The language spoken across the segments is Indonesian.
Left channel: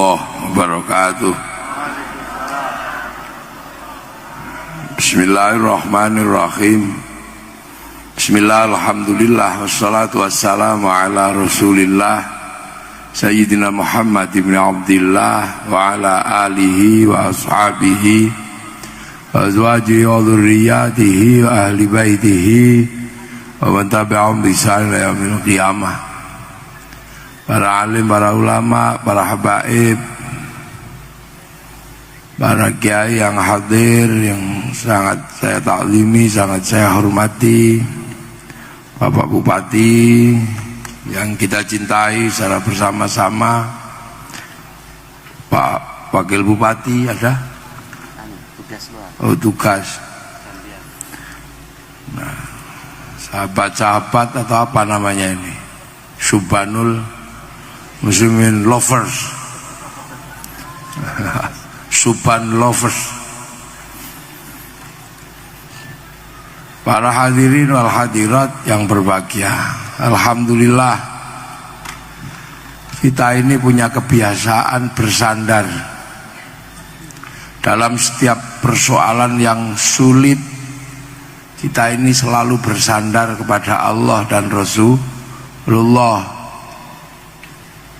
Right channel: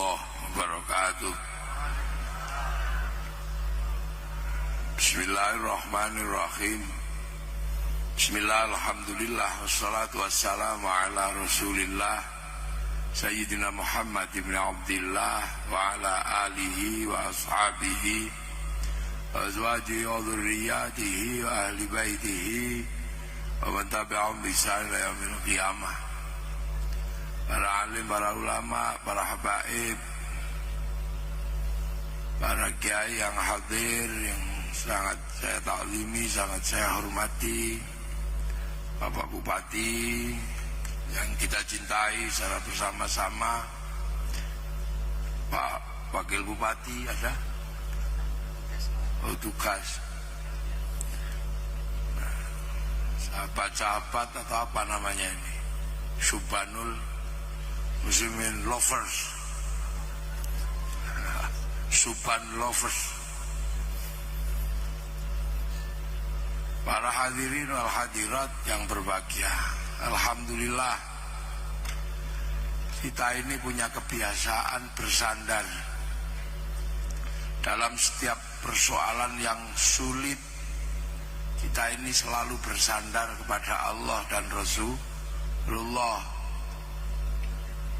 warahmatullahi wabarakatuh. Bismillahirrahmanirrahim. Bismillah, alhamdulillah, wassalatu wassalamu ala rasulillah Sayyidina Muhammad ibn Abdillah wa ala alihi wa ashabihi wa azwajihi wa dhurriyyatihi wa ahli baitihi wa man tabi'ahum bi ihsan ila yaumil qiyamah. Para alim, para ulama, para habaib, para kiai yang hadir, yang sangat saya taklimi, sangat saya hormati, Bapak Bupati yang kita cintai secara bersama-sama, Pak Wakil Bupati ada? Oh, tugas. Nah, sahabat-sahabat atau apa namanya ini? Subhanul Muslimin lovers, Subhan lovers, para hadirin wal hadirat yang berbahagia. Alhamdulillah, kita ini punya kebiasaan bersandar dalam setiap persoalan yang sulit. Kita ini selalu bersandar kepada Allah dan Rasulullah.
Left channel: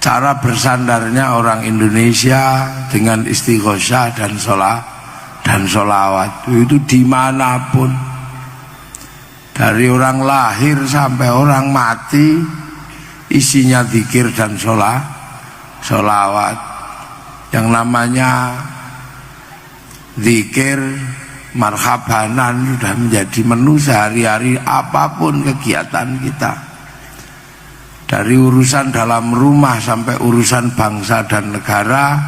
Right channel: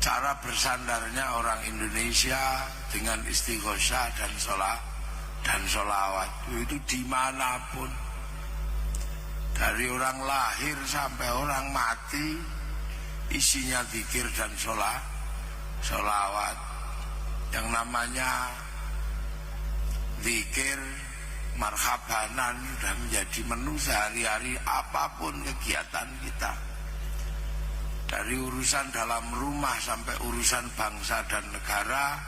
Cara bersandarnya orang Indonesia dengan istighosah dan sholawat itu dimanapun, dari orang lahir sampai orang mati isinya zikir dan sholawat. Yang namanya zikir marhabanan sudah menjadi menu sehari-hari apapun kegiatan kita. Dari urusan dalam rumah sampai urusan bangsa dan negara,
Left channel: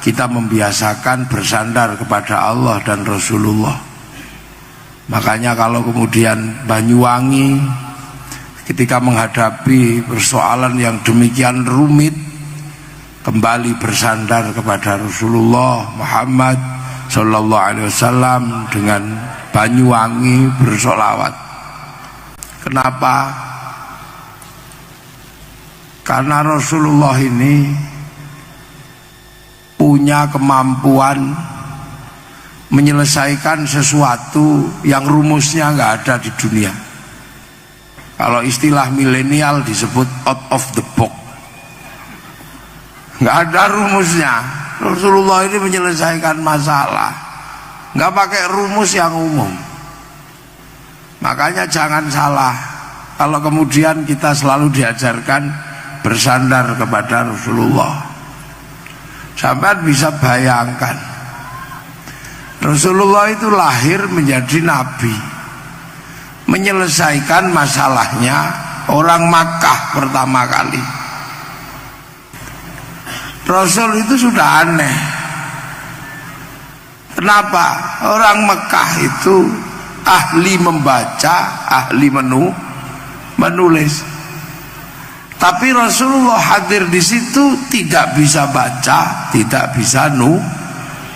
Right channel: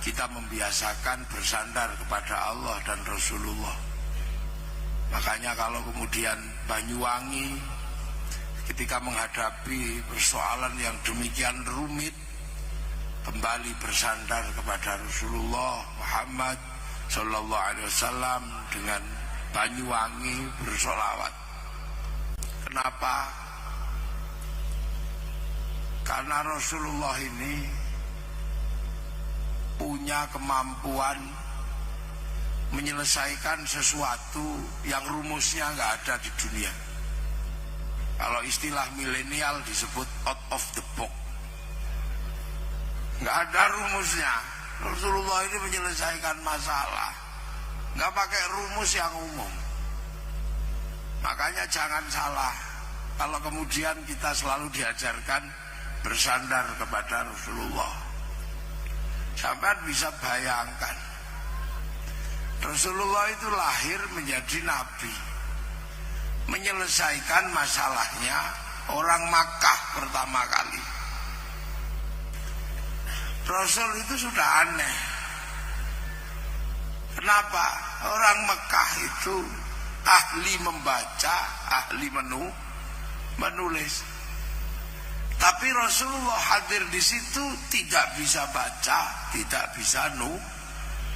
kita membiasakan bersandar kepada Allah dan Rasulullah. Makanya kalau kemudian Banyuwangi ketika menghadapi persoalan yang demikian rumit, kembali bersandar kepada Rasulullah Muhammad Sallallahu Alaihi Wasallam dengan Banyuwangi bersolawat. Kenapa? Karena Rasulullah ini punya kemampuan menyelesaikan sesuatu yang rumusnya nggak ada di dunia. Kalau istilah milenial disebut out of the box, nggak ada rumusnya. Rasulullah ini menyelesaikan masalah nggak pakai rumus yang umum. Makanya jangan salah kalau kemudian kita selalu diajarkan bersandar kepada Rasulullah. Sampai bisa bayangkan, Rasulullah itu lahir menjadi nabi, menyelesaikan masalahnya orang Makkah pertama kali. Rasul itu sudah aneh. Kenapa? Orang Mekah itu ahli membaca, ahli menulis. Tapi Rasulullah hadir di situ tidak bisa baca, tidak bisa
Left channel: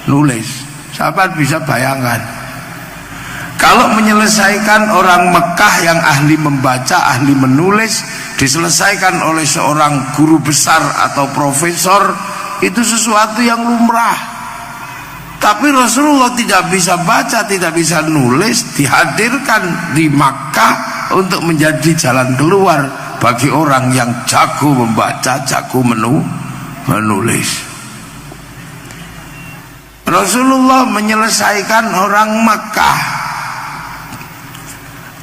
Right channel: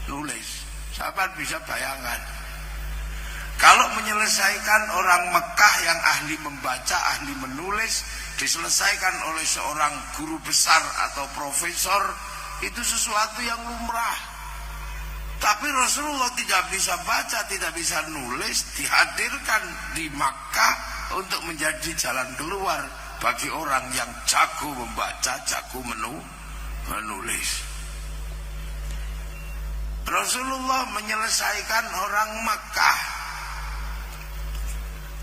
nulis. Sahabat bisa bayangkan, kalau menyelesaikan orang Mekah yang ahli membaca, ahli menulis, diselesaikan oleh seorang guru besar atau profesor, itu sesuatu yang lumrah. Tapi Rasulullah tidak bisa baca, tidak bisa nulis, dihadirkan di Makkah untuk menjadi jalan keluar bagi orang yang jago membaca, jago menulis. Rasulullah menyelesaikan orang Makkah.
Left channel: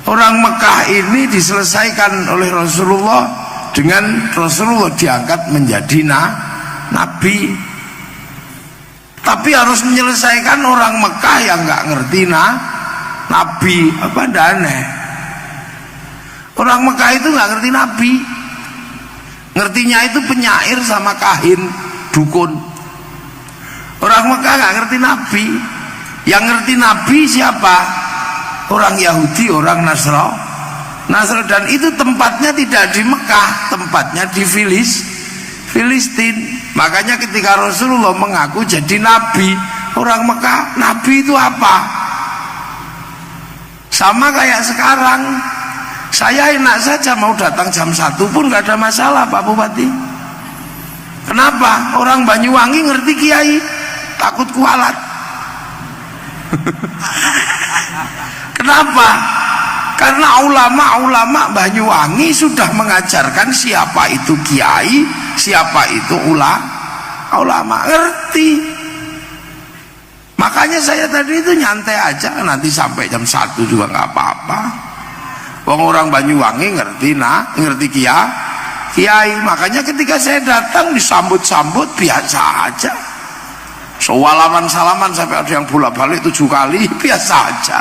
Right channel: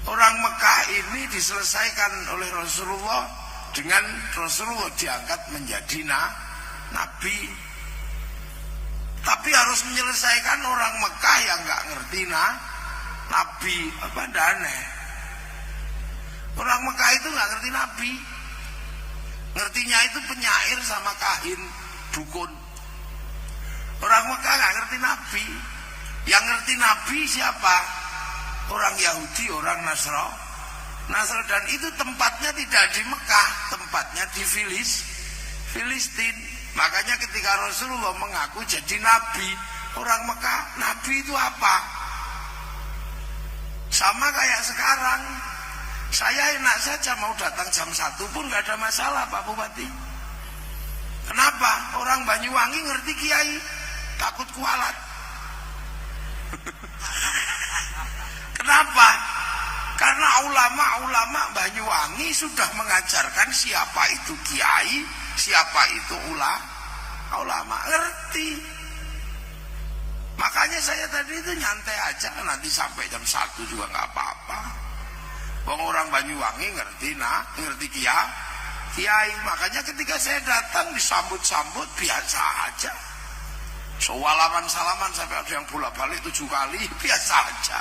Orang Mekah ini diselesaikan oleh Rasulullah dengan Rasulullah diangkat menjadi nabi. Tapi harus menyelesaikan orang Mekah yang nggak ngerti nabi. Apa aneh? Orang Mekah itu nggak ngerti nabi. Ngertinya itu penyair sama kahin, dukun. Orang Mekah nggak ngerti nabi. Yang ngerti nabi siapa? Orang Yahudi, orang Nasrani. Dan itu tempatnya tidak di Mekah, tempatnya di Filistin. Makanya ketika Rasulullah mengaku jadi nabi, orang Mekah, nabi itu apa? Sama kayak sekarang, saya enak saja mau datang jam 1 pun gak ada masalah Pak Bupati. Kenapa? Orang Banyuwangi ngerti kiai, takut kualat. Kenapa? Karena ulama-ulama Banyuwangi sudah mengajarkan siapa itu kiai, siapa itu ulama, ngerti. Makanya saya tadi itu nyantai aja, nanti sampai jam 1 juga nggak apa-apa. Wong orang Banyuwangi ngerti kiai. Makanya ketika saya datang disambut-sambut biasa aja. Salaman sampai ada yang bolak-balik 7 kali, biasa aja.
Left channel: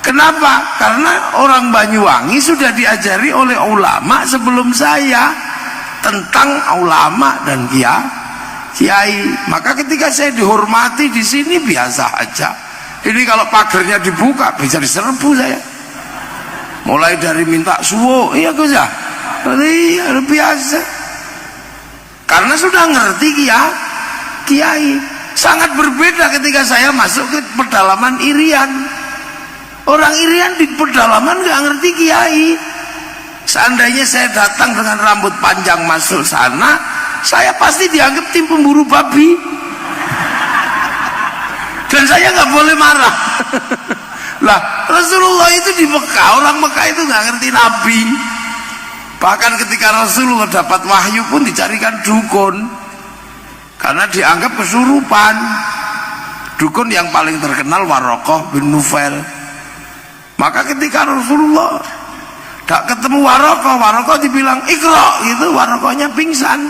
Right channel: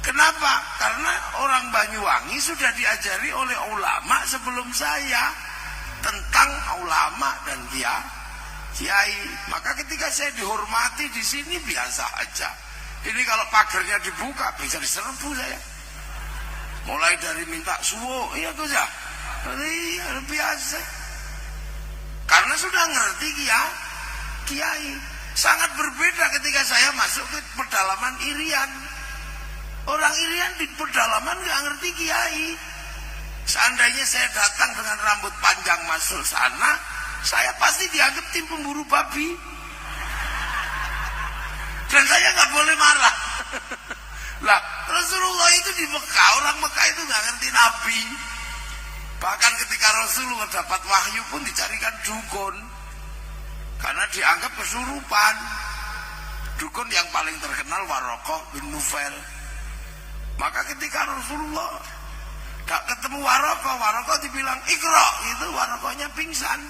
Kenapa? Karena orang Banyuwangi sudah diajari oleh ulama sebelum saya tentang ulama dan kiai. Maka ketika saya dihormati di sini biasa aja. Ini kalau pagernya dibuka bisa diserbu saya. Mulai dari minta suwo, iya Gus ya. Iya, biasa. Karena sudah ngerti kiai. Sangat berbeda ketika saya masuk ke pedalaman Irian. Orang Irian di pedalaman nggak ngerti kiai. Seandainya saya datang dengan rambut panjang masuk sana, saya pasti dianggap tim pemburu babi. Dan saya nggak boleh marah. Lah, Rasulullah itu di Mekah, orang Mekah itu nggak ngerti Nabi. Bahkan ketika Rasulullah dapat wahyu pun dicarikan dukun, karena dianggap kesurupan. Dukun yang paling terkenal Waraqah bin Nufail. Maka ketika Rasulullah gak ketemu Waraqah dibilang Iqra, gitu, Waraqahnya pingsan.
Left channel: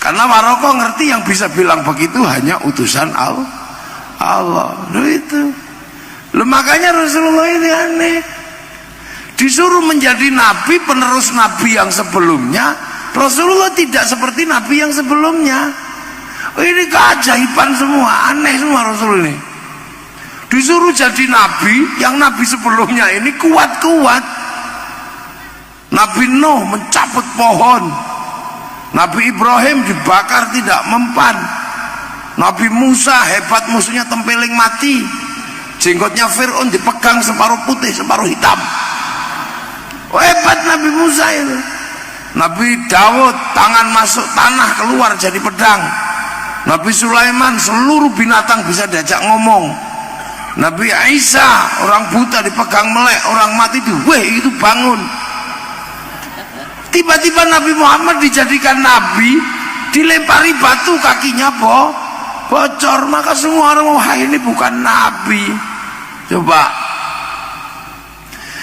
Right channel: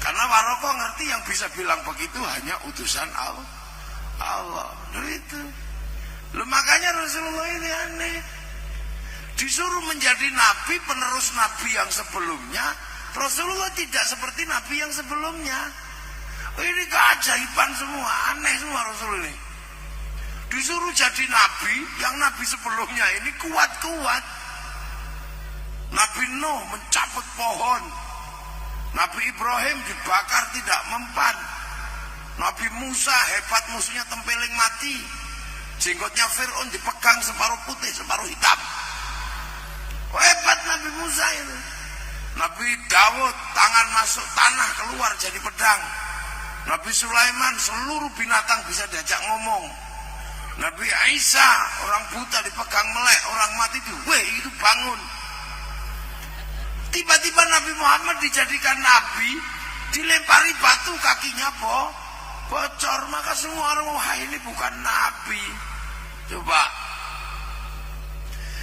Karena Waraqah ngerti yang bisa bilang begitu hanya utusan Allah. Itu. Makanya Rasulullah ini aneh. Disuruh menjadi nabi, penerus nabi yang sebelumnya. Rasulullah tidak seperti nabi yang sebelumnya. Ini keajaiban semua, aneh semua Rasul ini. Disuruh jadi nabi, yang nabi sebelumnya ini kuat-kuat. Nabi Nuh mencabut pohon, Nabi Ibrahim dibakar tidak mempan, Nabi Musa hebat, musuhnya tempeling mati, jenggotnya Fir'aun dipegang separuh putih separuh hitam. Hebat Nabi Musa itu. Nabi Daud tangan masuk tanah keluar jadi pedang. Nabi Sulaiman seluruh binatang bisa diajak ngomong. Nabi Isa orang buta dipegang melek, orang mati itu bangun. Tiba-tiba Nabi Muhammad dijadikan nabi, dilempari batu kakinya bocor. Maka semua orang, wah ini bukan nabi. Coba.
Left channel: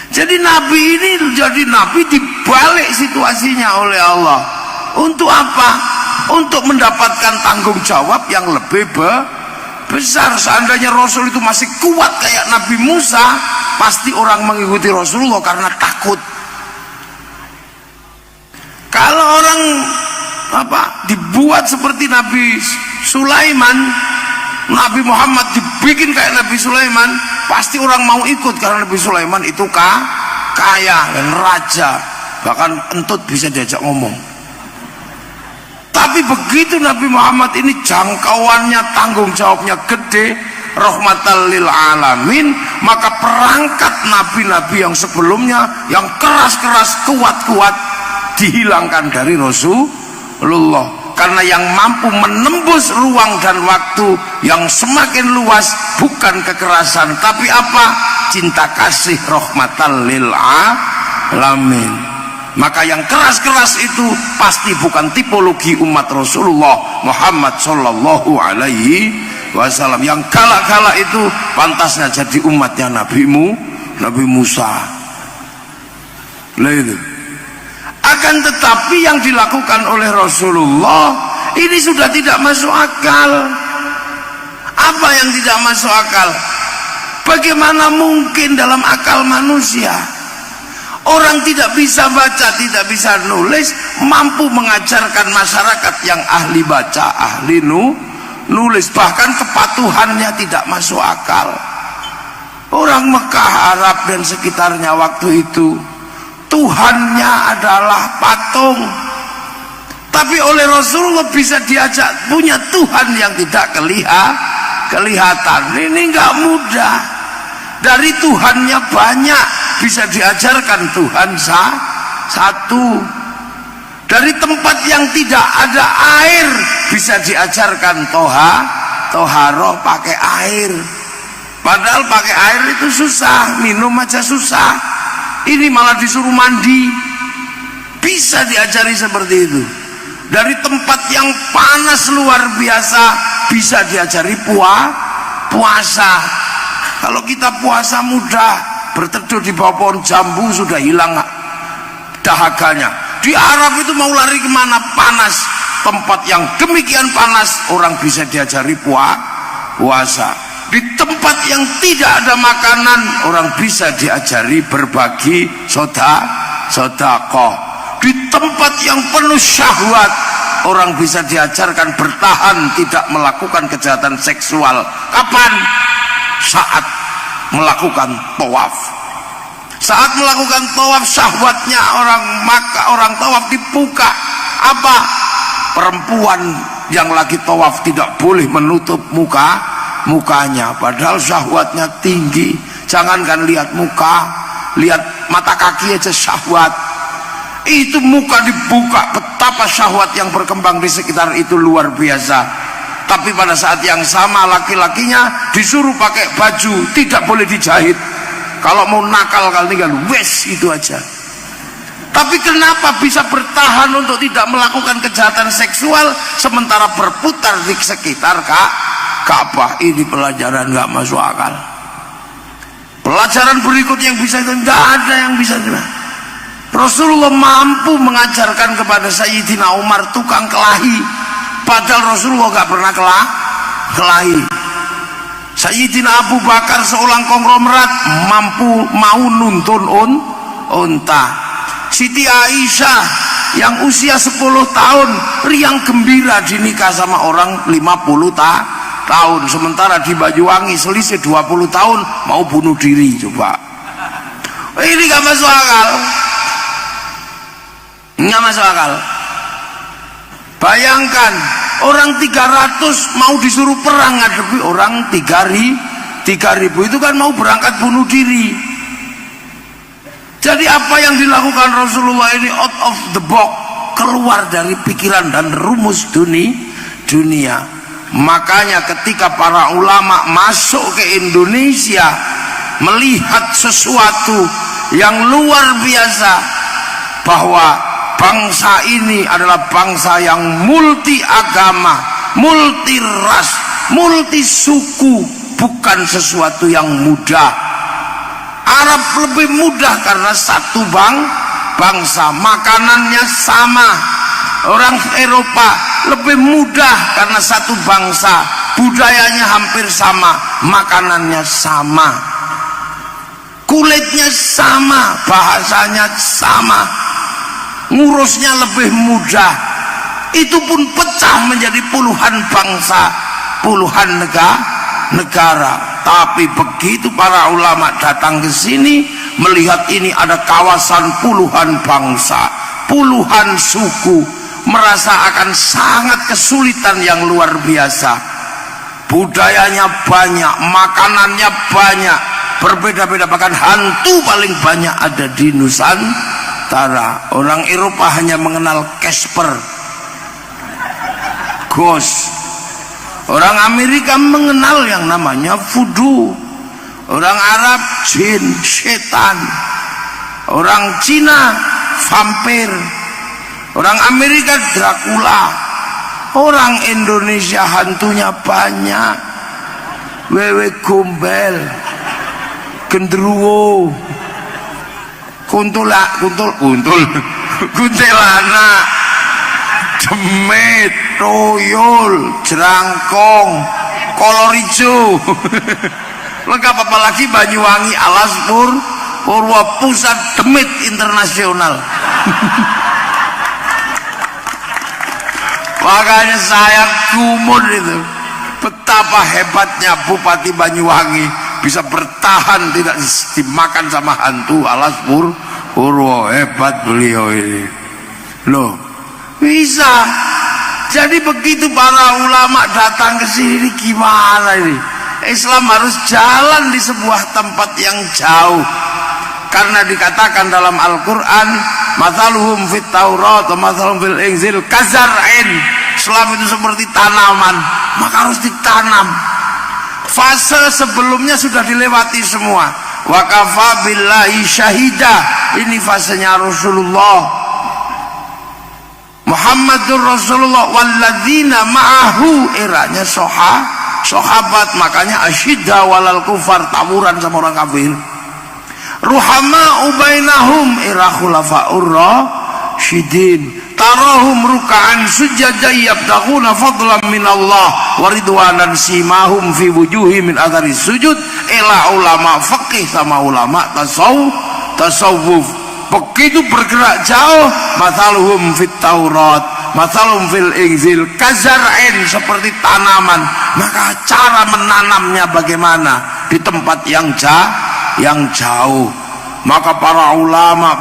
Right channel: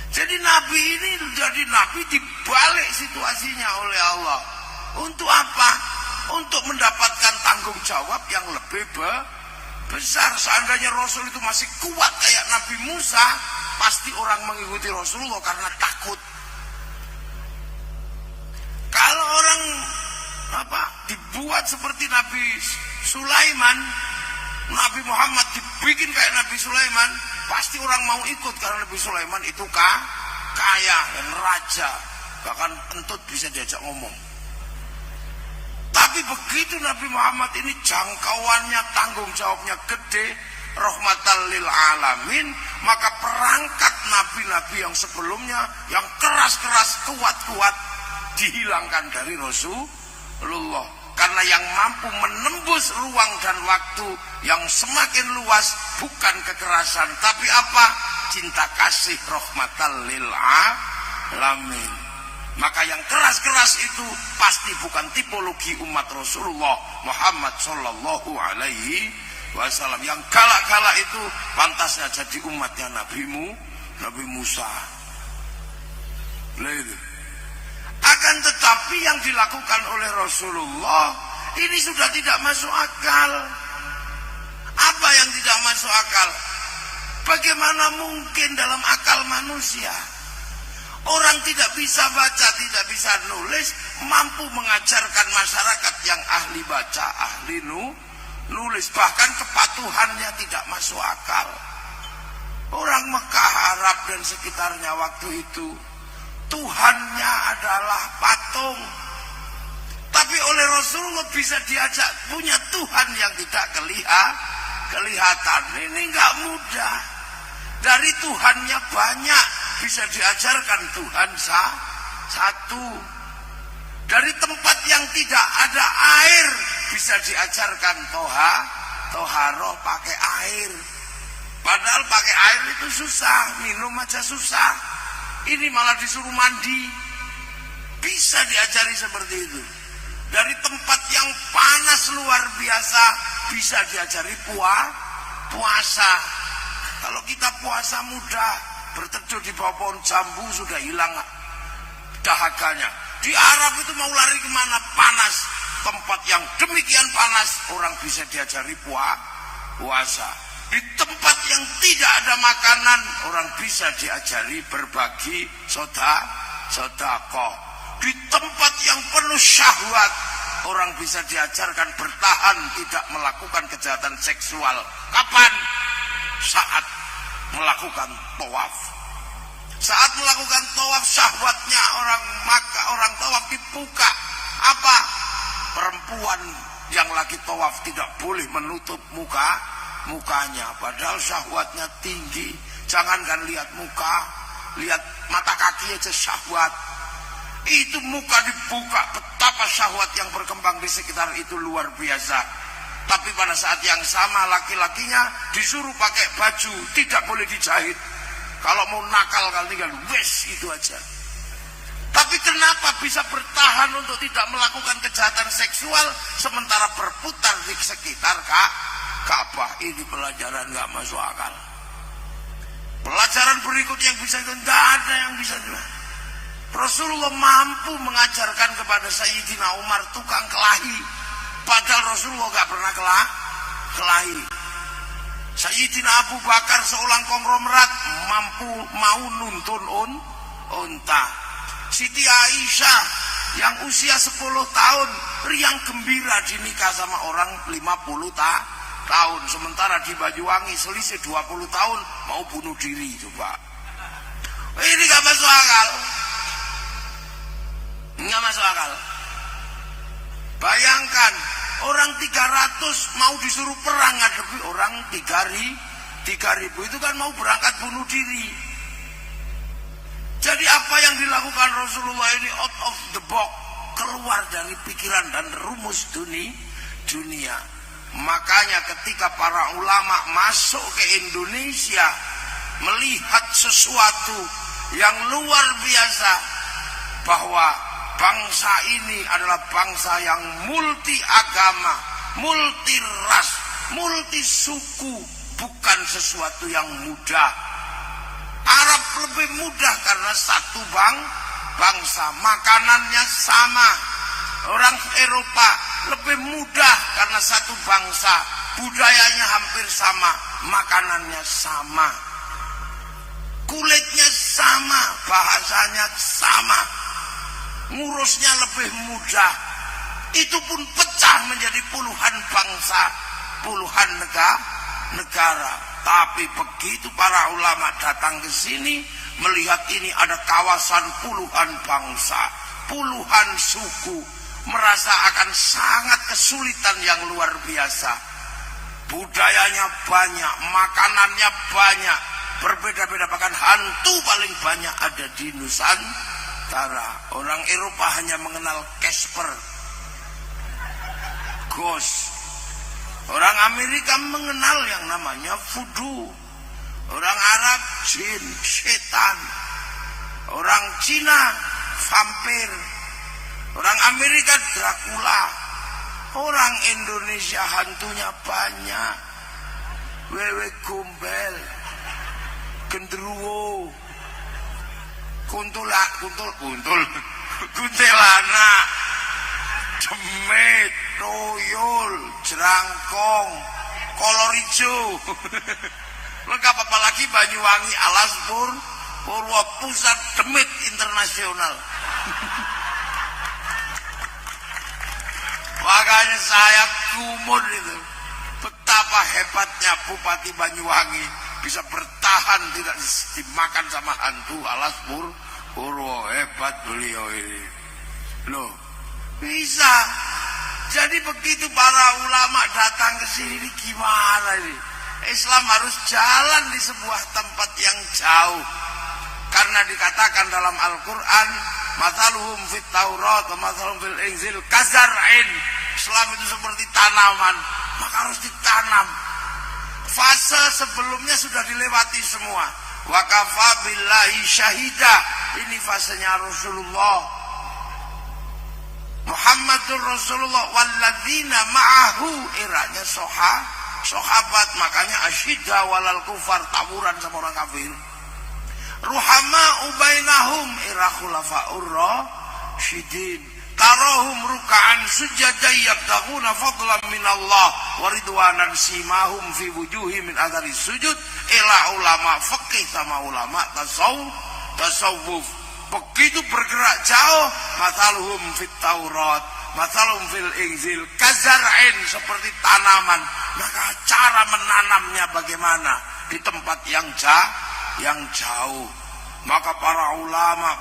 Jadi nabi ini jadi nabi dibalik situasinya oleh Allah. Untuk apa? Untuk mendapatkan tanggung jawab yang lebih besar. Seandainya Rasul itu masih kuat kayak Nabi Musa, pasti orang mengikuti Rasulullah karena takut. Kalau orang dibuat seperti Nabi Sulaiman, Nabi Muhammad dibikin kayak Nabi Sulaiman, pasti orang mau ikut karena Nabi Sulaiman itu kaya dan raja, bahkan entut bisa diajak ngomong. Tapi begitu Nabi Muhammad ini jangkauannya, tanggung jawabnya gede, rahmatan lil alamin, maka perangkat nabi-nabi yang sebelumnya yang keras-keras, kuat-kuat dihilangkan dari Rasulullah. Karena yang mampu menembus ruang dan waktu yang semakin luas bukan kekerasan, tapi apa? Cinta kasih, rahmatan lil alamin. Maka yang keras-keras itu pasti bukan tipologi umat Rasulullah Muhammad sallallahu alaihi wasallam. Yang galak-galak itu pantasnya jadi umatnya Nabi Musa. Itu. Akan tetapi yang dilakukan oleh Rasulullah ini sudah tidak masuk akal. Apa yang tidak masuk akal? Bagaimana mungkin dalam akal manusia orang tidak bisa baca, tidak bisa nulis, mampu mengajarkan masyarakat yang ahli baca, ahli nulis, bahkan kepatuhannya tidak masuk akal. Orang Mekah, Arab dan sekitarnya waktu itu Tuhannya adalah patung, tapi oleh Rasulullah bisa diajak punya Tuhan yang tidak kelihatan. Ini nggak mudah. Dari Tuhannya banyak bisa diajarkan Tuhan satu. Dari tempat yang tidak ada air bisa diajarkan toharoh pakai air. Padahal pakai air itu susah, minum aja susah. Ini malah disuruh mandi. Bisa diajari seperti itu. Dari tempat yang panas luar biasa bisa diajari puasa. Kalau kita puasa mudah, berteduh di bawah pohon jambu sudah hilang dahaganya. Di Arab itu mau lari kemana? Panas. Tempat yang demikian panas orang bisa diajari puasa. Di tempat yang tidak ada makanan orang bisa diajari berbagi sedekah. Di tempat yang penuh syahwat orang bisa diajarkan bertahan tidak melakukan kejahatan seksual. Kapan? Saat melakukan tawaf. Saat melakukan tawaf syahwatnya orang tawaf dibuka. Apa? Perempuan yang lagi tawaf tidak boleh menutup mukanya, padahal syahwatnya tinggi. Jangankan lihat muka, lihat mata kaki aja syahwat. Itu muka dibuka, betapa syahwat yang berkembang di sekitar itu luar biasa. Tapi pada saat yang sama laki-lakinya disuruh pakai baju, tidak boleh dijahit. Kalau mau nakal kali tinggal wes itu aja. Tapi kenapa bisa bertahan untuk tidak melakukan kejahatan seksual sementara berputar di sekitar Ka'bah? Ini pelajaran nggak masuk akal. Pelajaran berikut yang bisa itu nggak ada yang bisa. Rasulullah mampu mengajarkan kepada Sayyidina Umar tukang kelahi, padahal Rasulullah nggak pernah kelahi. Sayyidina Abu Bakar seorang konglomerat mau nuntun unta. Siti Aisyah yang usia 10 tahun riang gembira dinikah sama orang 50 tahun, sementara di Banyuwangi selisih 20 tahun mau bunuh diri. Coba, ini gak masuk akal, nggak masuk akal. Bayangkan orang 300 mau disuruh perang ngadepi orang 3.000 itu kan mau berangkat bunuh diri. Jadi apa yang dilakukan Rasulullah ini out of the box, keluar dari pikiran dan rumus dunia. Makanya ketika para ulama masuk ke Indonesia melihat sesuatu yang luar biasa, bahwa bangsa ini adalah bangsa yang multi agama, multi ras, multi suku, bukan sesuatu yang mudah. Arab lebih mudah karena satu bangsa, makanannya sama. Orang Eropa lebih mudah karena satu bangsa, budayanya hampir sama, makanannya sama, kulitnya sama, bahasanya sama, ngurusnya lebih mudah. Itu pun pecah menjadi puluhan bangsa, puluhan negara. Tapi begitu para ulama datang ke sini melihat ini ada kawasan puluhan bangsa, puluhan suku, merasa akan sangat kesulitan yang luar biasa. Budayanya banyak, makanannya banyak, berbeda-beda, bahkan hantu paling banyak ada di Nusantara. Orang Eropa hanya mengenal Casper, ghost. Orang Amerika mengenal yang namanya voodoo. Orang Arab jin, setan. Orang Cina vampir. Orang Amerika Dracula. Orang Indonesia hantunya banyak. Wewe gombel, gendruwo, kuntilana, demit, toyol, jerangkong, kolor hijau. Lengkap, apalagi Banyuwangi, Alas, Purwo, pusat demit internasional. Makanya saya gumul itu, betapa hebatnya Bupati Banyuwangi bisa bertahan tidak dimakan sama hantu Alas, Purwo. Hebat beliau ini loh, bisa. Jadi begitu para ulama datang ke sini, gimana ini? Islam harus jalan di sebuah tempat yang jauh, karena dikatakan dalam Al-Quran, mathaluhum fit Taurat wa mathaluhum fil Injil kazar'in. Islam itu seperti tanaman, maka harus ditanam. Fase sebelumnya sudah dilewati semua. Wa kafa billahi syahida. Ini fasenya Rasulullah Muhammadur Rasulullah walladzina ma'ahu, eranya sahabat, makanya asyidda walal kufar, tawuran sama orang kafir. Ruhama ubainahum, era khulafaur rasyidin, tarahum ruk'an sujada yabtaghuna fadlan minallah wa ridwanan simahum fi wujuhi min athari sujud. Ila ulama fikih sama ulama tasawuf begitu bergerak jauh. Mathaluhum fit Taurat mathaluhum fil Injil kazar'in, seperti tanaman. Maka cara menanamnya bagaimana? Di tempat yang jauh. Maka para ulama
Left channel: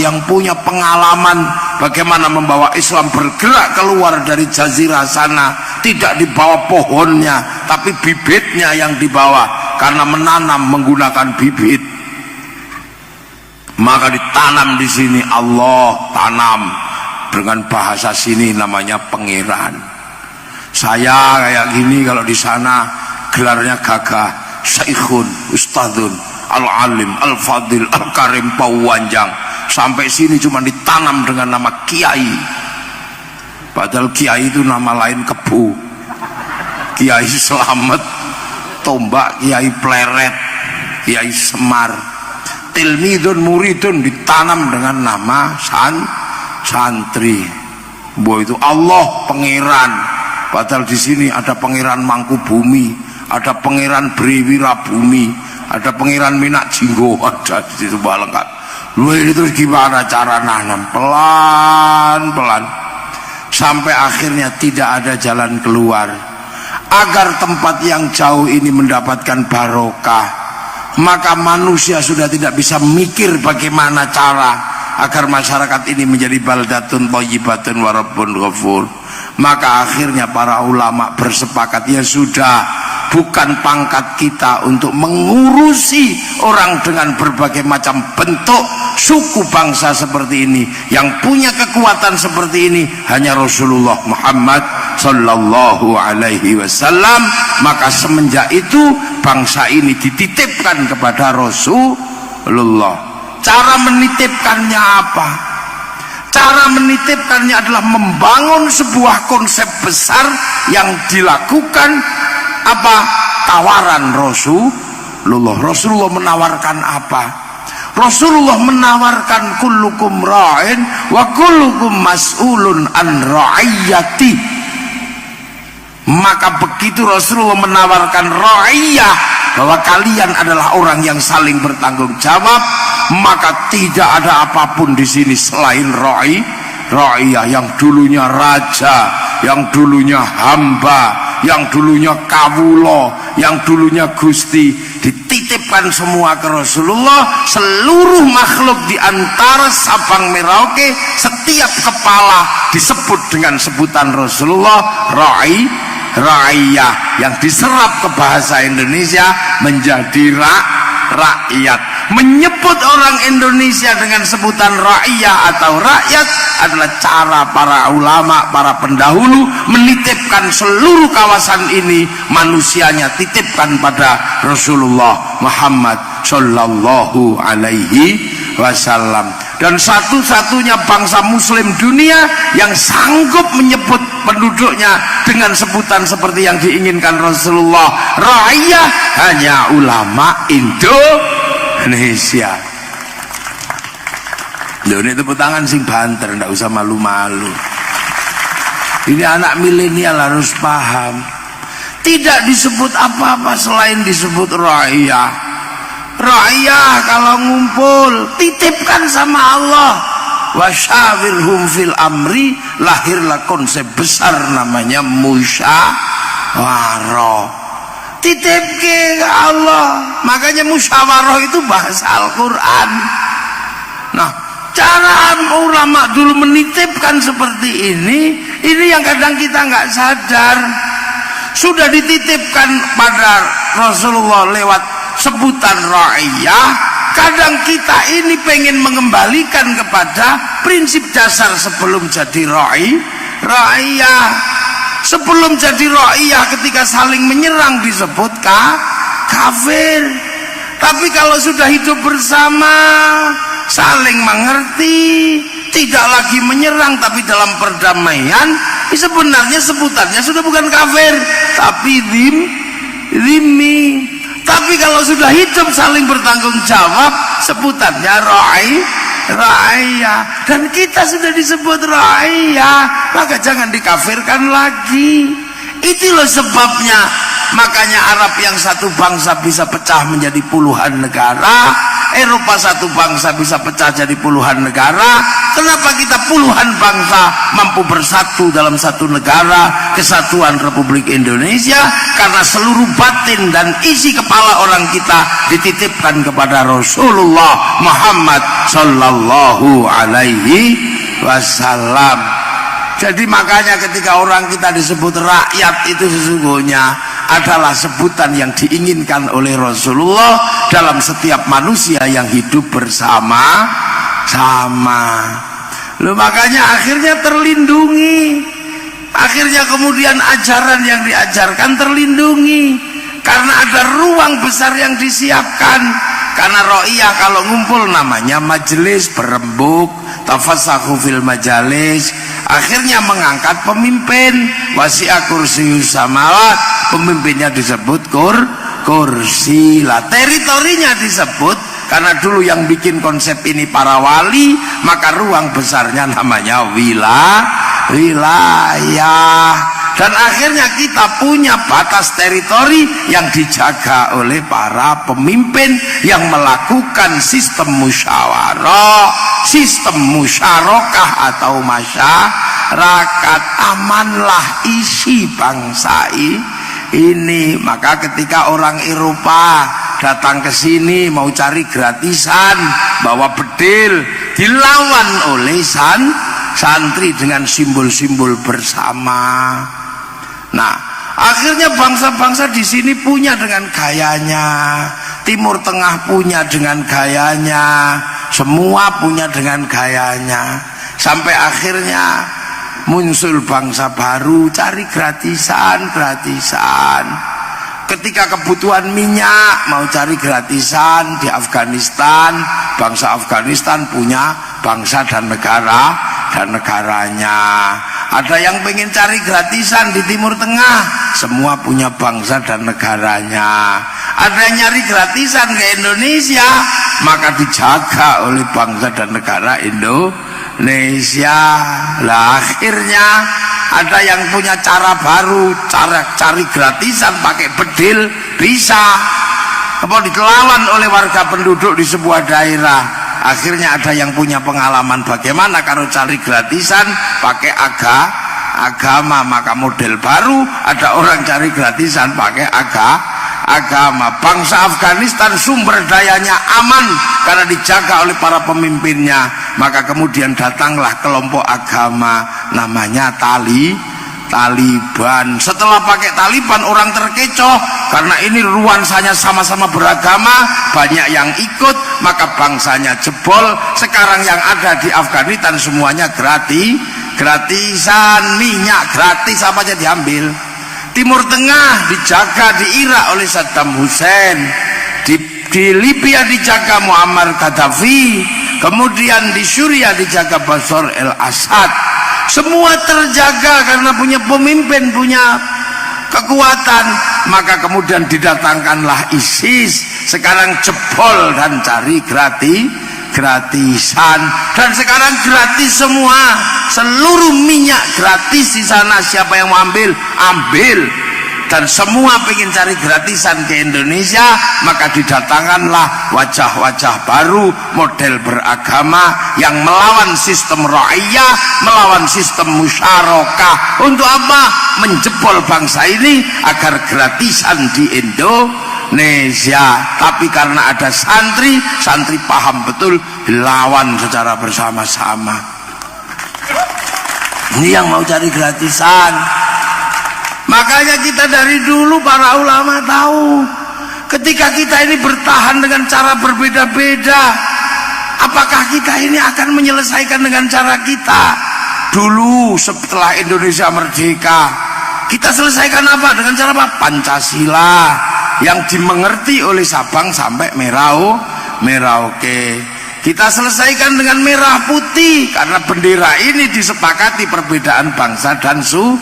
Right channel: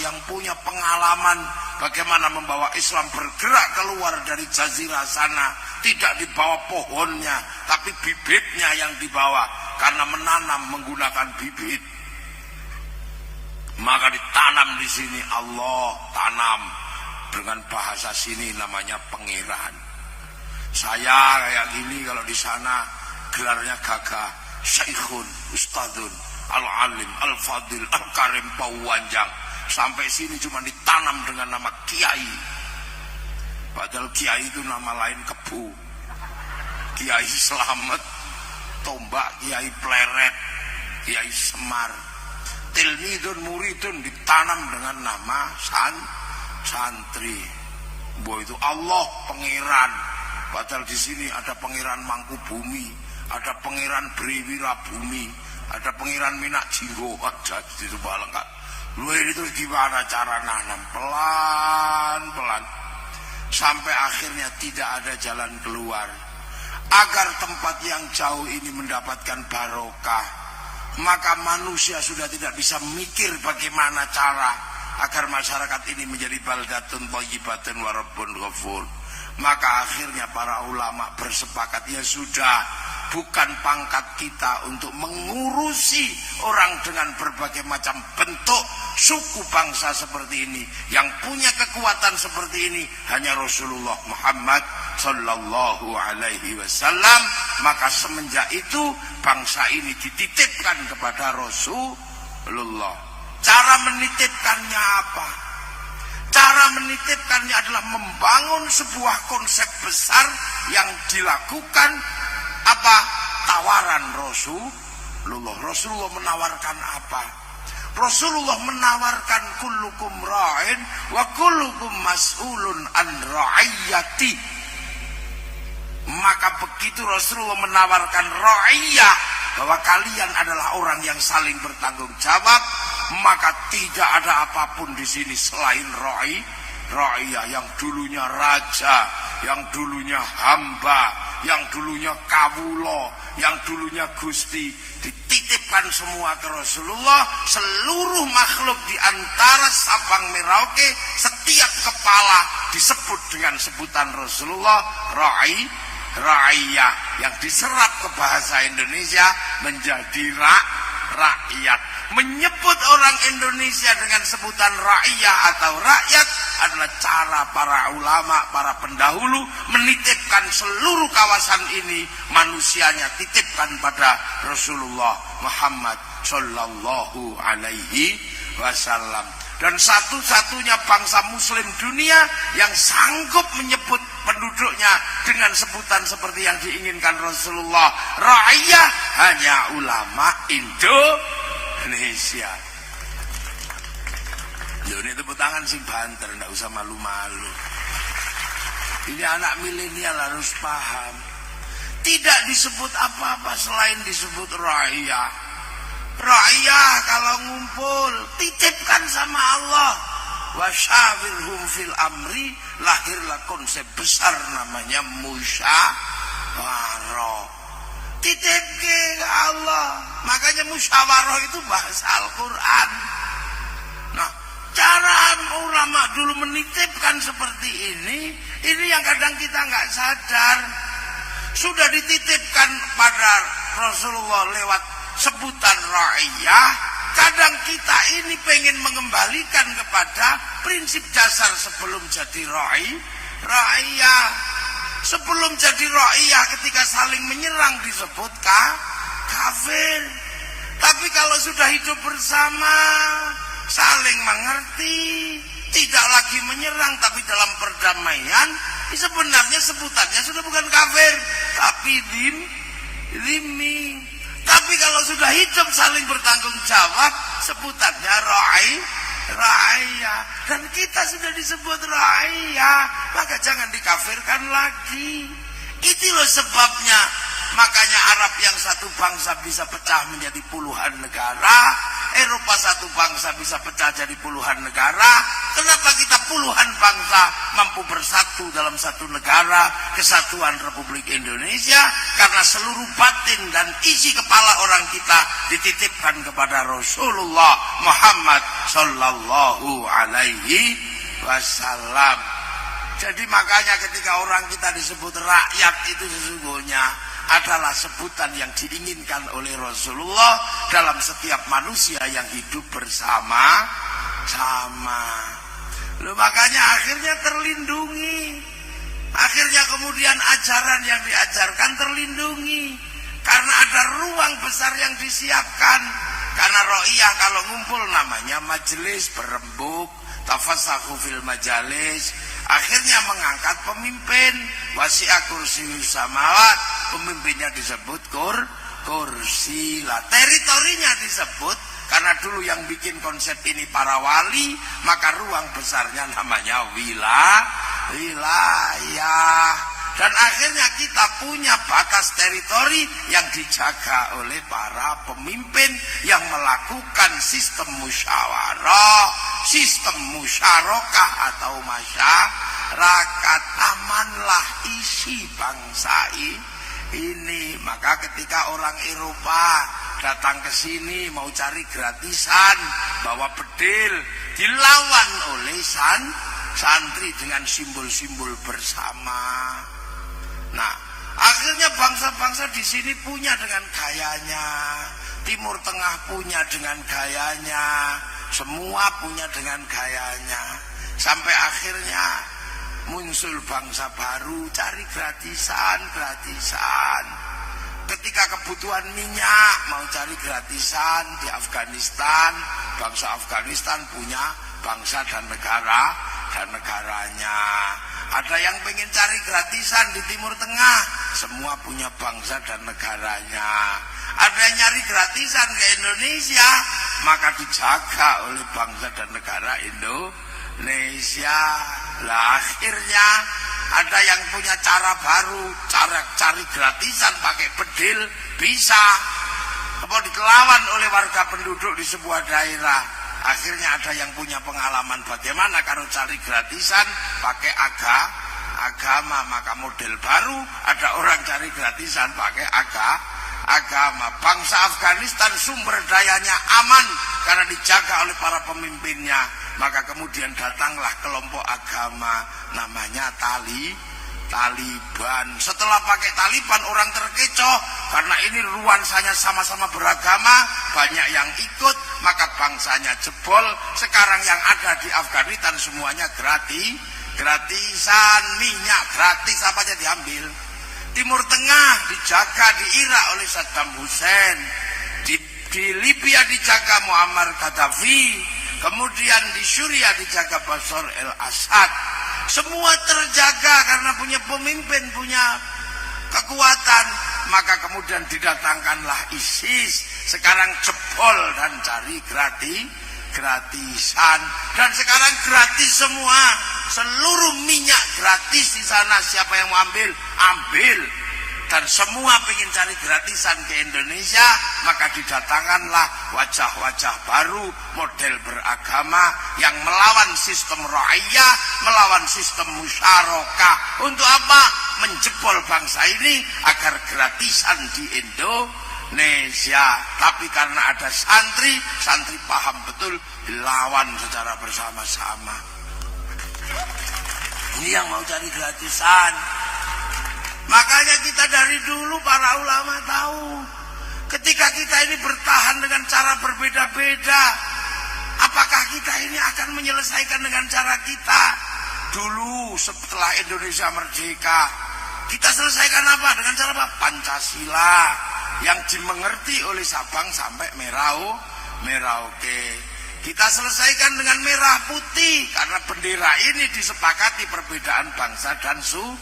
yang punya pengalaman bagaimana membawa Islam bergerak keluar dari jazirah sana, tidak dibawa pohonnya tapi bibitnya yang dibawa, karena menanam menggunakan bibit. Maka ditanam di sini, Allah tanam dengan bahasa sini namanya pangeran. Saya kayak gini, kalau di sana gelarnya gagah, Syekhun, Ustadzun, Al-Alim, Al-Fadil, Al-Karim, Pauwanjang. Sampai sini cuma ditanam dengan nama Kiai. Padahal Kiai itu nama lain kebu. Kiai Selamet, Tombak, Kiai Pleret, Kiai Semar. Tilmidun muridun ditanam dengan nama santri. Bahwa itu Allah pangeran. Padahal di sini ada pangeran Mangkubumi, ada pangeran Briwira Bumi, ada pangeran Minak Jinggo, ada di situ lengkap. Lu ini terus gimana cara nanam? Pelan-pelan sampai akhirnya tidak ada jalan keluar. Agar tempat yang jauh ini mendapatkan barokah, maka manusia sudah tidak bisa mikir bagaimana cara agar masyarakat ini menjadi baldatun thayyibatun wa rabbun ghafur. Maka akhirnya para ulama bersepakat, ya sudah, bukan pangkat kita untuk mengurusi orang dengan berbagai macam bentuk suku bangsa seperti ini. Yang punya kekuatan seperti ini hanya Rasulullah Muhammad sallallahu alaihi wasallam. Maka semenjak itu bangsa ini dititipkan kepada Rasulullah. Cara menitipkannya apa? Cara menitipkannya adalah membangun sebuah konsep besar yang dilakukan apa? Tawaran Rasulullah. Rasulullah menawarkan apa? Rasulullah menawarkan kullukum ra'in wa kullukum mas'ulun an ra'iyati. Maka begitu Rasulullah menawarkan ra'iyah, bahwa kalian adalah orang yang saling bertanggung jawab, maka tidak ada apapun di sini selain ra'iyah, yang dulunya raja, yang dulunya hamba, yang dulunya kawulo, yang dulunya gusti, dititipkan semua ke Rasulullah. Seluruh makhluk di antara Sabang Merauke, setiap kepala disebut dengan sebutan Rasulullah, ra'iyah, yang diserap ke bahasa Indonesia menjadi rakyat. Menyebut orang Indonesia dengan sebutan ra'iyah atau rakyat adalah cara para ulama, para pendahulu menitipkan seluruh kawasan ini, manusianya titipkan pada Rasulullah Muhammad sallallahu alaihi wasallam. Dan satu-satunya bangsa muslim dunia yang sanggup menyebut penduduknya dengan sebutan seperti yang diinginkan Rasulullah, ra'iyah, hanya ulama Indonesia. Loh, ini tepuk tangan sing banter, ndak usah malu-malu. Ini anak milenial harus paham. Tidak disebut apa-apa selain disebut ra'iyah. Ra'iyah kalau ngumpul titipkan sama Allah. Wasyawirhum fil amri, lahirlah konsep besar namanya musyawarah. Titip ke Allah. Makanya musyawarah itu bahasa Al-Quran. Nah, cara ulama dulu menitipkan seperti ini yang kadang kita nggak sadar. Sudah dititipkan pada Rasulullah lewat sebutan ra'iyah, kadang kita ini pengen mengembalikan kepada prinsip dasar sebelum jadi ra'iyah. Sebelum jadi ra'iyah ketika saling menyerang disebut kafir. Tapi kalau sudah hidup bersama, saling mengerti, tidak lagi menyerang tapi dalam perdamaian, sebenarnya sebutannya sudah bukan kafir tapi zimmi. Tapi kalau sudah hidup saling bertanggung jawab, sebutannya ra'iyah. Dan kita sudah disebut ra'iyah, maka jangan dikafirkan lagi. Itu loh sebabnya, makanya Arab yang satu bangsa bisa pecah menjadi puluhan negara, Eropa satu bangsa bisa pecah jadi puluhan negara. Kenapa kita puluhan bangsa mampu bersatu dalam satu negara, Kesatuan Republik Indonesia? Karena seluruh batin dan isi kepala orang kita dititipkan kepada Rasulullah Muhammad Sallallahu Alaihi Wasallam. Jadi makanya ketika orang kita disebut rakyat, itu sesungguhnya adalah sebutan yang diinginkan oleh Rasulullah dalam setiap manusia yang hidup bersama-sama. Loh, makanya akhirnya terlindungi. Akhirnya kemudian ajaran yang diajarkan terlindungi karena ada ruang besar yang disiapkan. Karena ro'iyah kalau ngumpul namanya majelis, berembuk, tafassahu fil majalis. Akhirnya mengangkat pemimpin, wasi'a kursiyus samawat, pemimpinnya disebut kursi lah. Teritorinya disebut karena dulu yang bikin konsep ini para wali, maka ruang besarnya namanya wilayah. Dan akhirnya kita punya batas teritori yang dijaga oleh para pemimpin yang melakukan sistem musyawarah, sistem musyarakah atau masyarakat. Amanlah isi bangsa ini. Maka ketika orang Eropa datang ke sini mau cari gratisan, bawa bedil, dilawan oleh santri dengan simbol-simbol bersama. Nah, akhirnya bangsa-bangsa di sini punya dengan gayanya, Timur Tengah punya dengan gayanya, semua punya dengan gayanya, sampai akhirnya muncul bangsa baru cari gratisan. Ketika kebutuhan minyak mau cari gratisan di Afghanistan, bangsa Afghanistan punya bangsa dan negaranya. Ada yang pengen cari gratisan di Timur Tengah, semua punya bangsa dan negaranya. Ada yang nyari gratisan ke Indonesia, maka dijaga oleh bangsa dan negara Indonesia. Lah akhirnya ada yang punya cara baru, cara cari gratisan pakai bedil bisa. Apa ditelawan oleh warga penduduk di sebuah daerah. Akhirnya ada yang punya pengalaman bagaimana kalau cari gratisan pakai agama, maka model baru ada orang cari gratisan pakai agama. Bangsa Afghanistan sumber dayanya aman karena dijaga oleh para pemimpinnya, maka kemudian datanglah kelompok agama namanya Taliban. Setelah pakai Taliban orang terkecoh karena ini nuansanya sama-sama beragama, banyak yang ikut, maka bangsanya jebol. Sekarang yang ada di Afghanistan semuanya gratisan, minyak gratis apa aja diambil. Timur Tengah dijaga di Irak oleh Saddam Hussein, di Libya dijaga Muammar Gaddafi, kemudian di Suriah dijaga Bashar al-Assad. Semua terjaga karena punya pemimpin, punya kekuatan. Maka kemudian didatangkanlah ISIS, sekarang jebol dan cari gratisan. Dan sekarang gratis semua, seluruh minyak gratis di sana. Siapa yang mau ambil? Dan semua pengen cari gratisan ke Indonesia, maka didatangkanlah wajah-wajah baru, model beragama yang melawan sistem ra'iyah, melawan sistem musyarakah. Untuk apa? Menjebol bangsa ini agar gratisan di Indonesia. Tapi karena ada santri paham betul, dilawan secara bersama-sama. Ini yang mau cari gratisan. Makanya kita dari dulu para ulama tahu Ketika kita ini bertahan dengan cara berbeda-beda, apakah kita ini akan menyelesaikan dengan cara kita? Dulu setelah Indonesia merdeka, kita selesaikan apa? Dengan cara apa? Pancasila yang dimengerti oleh Sabang sampai Merauke. Kita selesaikan dengan merah putih karena bendera ini disepakati perbedaan bangsa dan suku.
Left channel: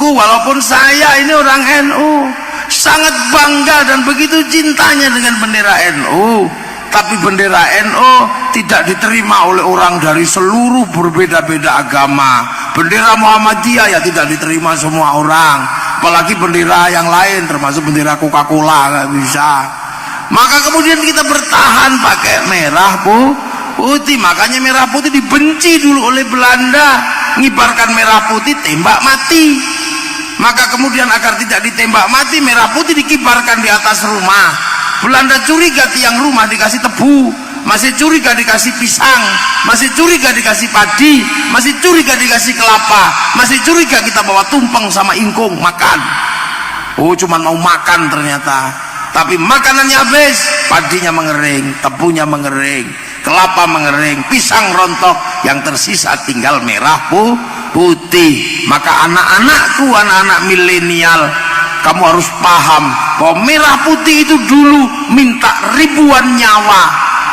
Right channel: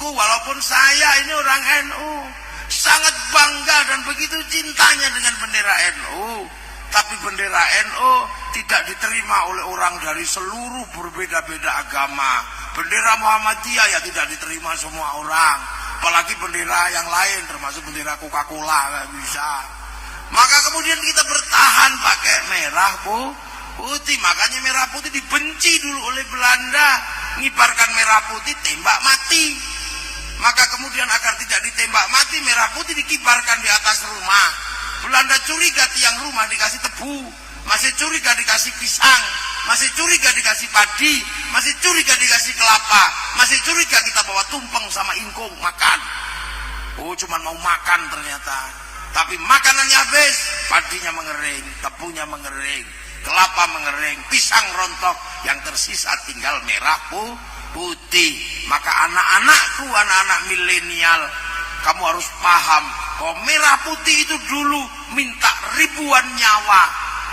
Walaupun saya ini orang NU, sangat bangga dan begitu cintanya dengan bendera NU, tapi bendera NU tidak diterima oleh orang dari seluruh berbeda-beda agama. Bendera Muhammadiyah ya tidak diterima semua orang, apalagi bendera yang lain termasuk bendera Coca-Cola nggak bisa. Maka kemudian kita bertahan pakai merah putih. Makanya merah putih dibenci dulu oleh Belanda, ngibarkan merah putih tembak mati. Maka kemudian agar tidak ditembak mati, merah putih dikibarkan di atas rumah. Belanda curiga tiang rumah dikasih tebu, masih curiga dikasih pisang, masih curiga dikasih padi, masih curiga dikasih kelapa, masih curiga kita bawa tumpeng sama ingkung makan. Oh, cuman mau makan ternyata. Tapi makanannya habis, padinya mengering, tebunya mengering, kelapa mengering, pisang rontok, yang tersisa tinggal merah putih. Maka anak-anakku, anak-anak milenial, kamu harus paham bahwa merah putih itu dulu minta ribuan nyawa,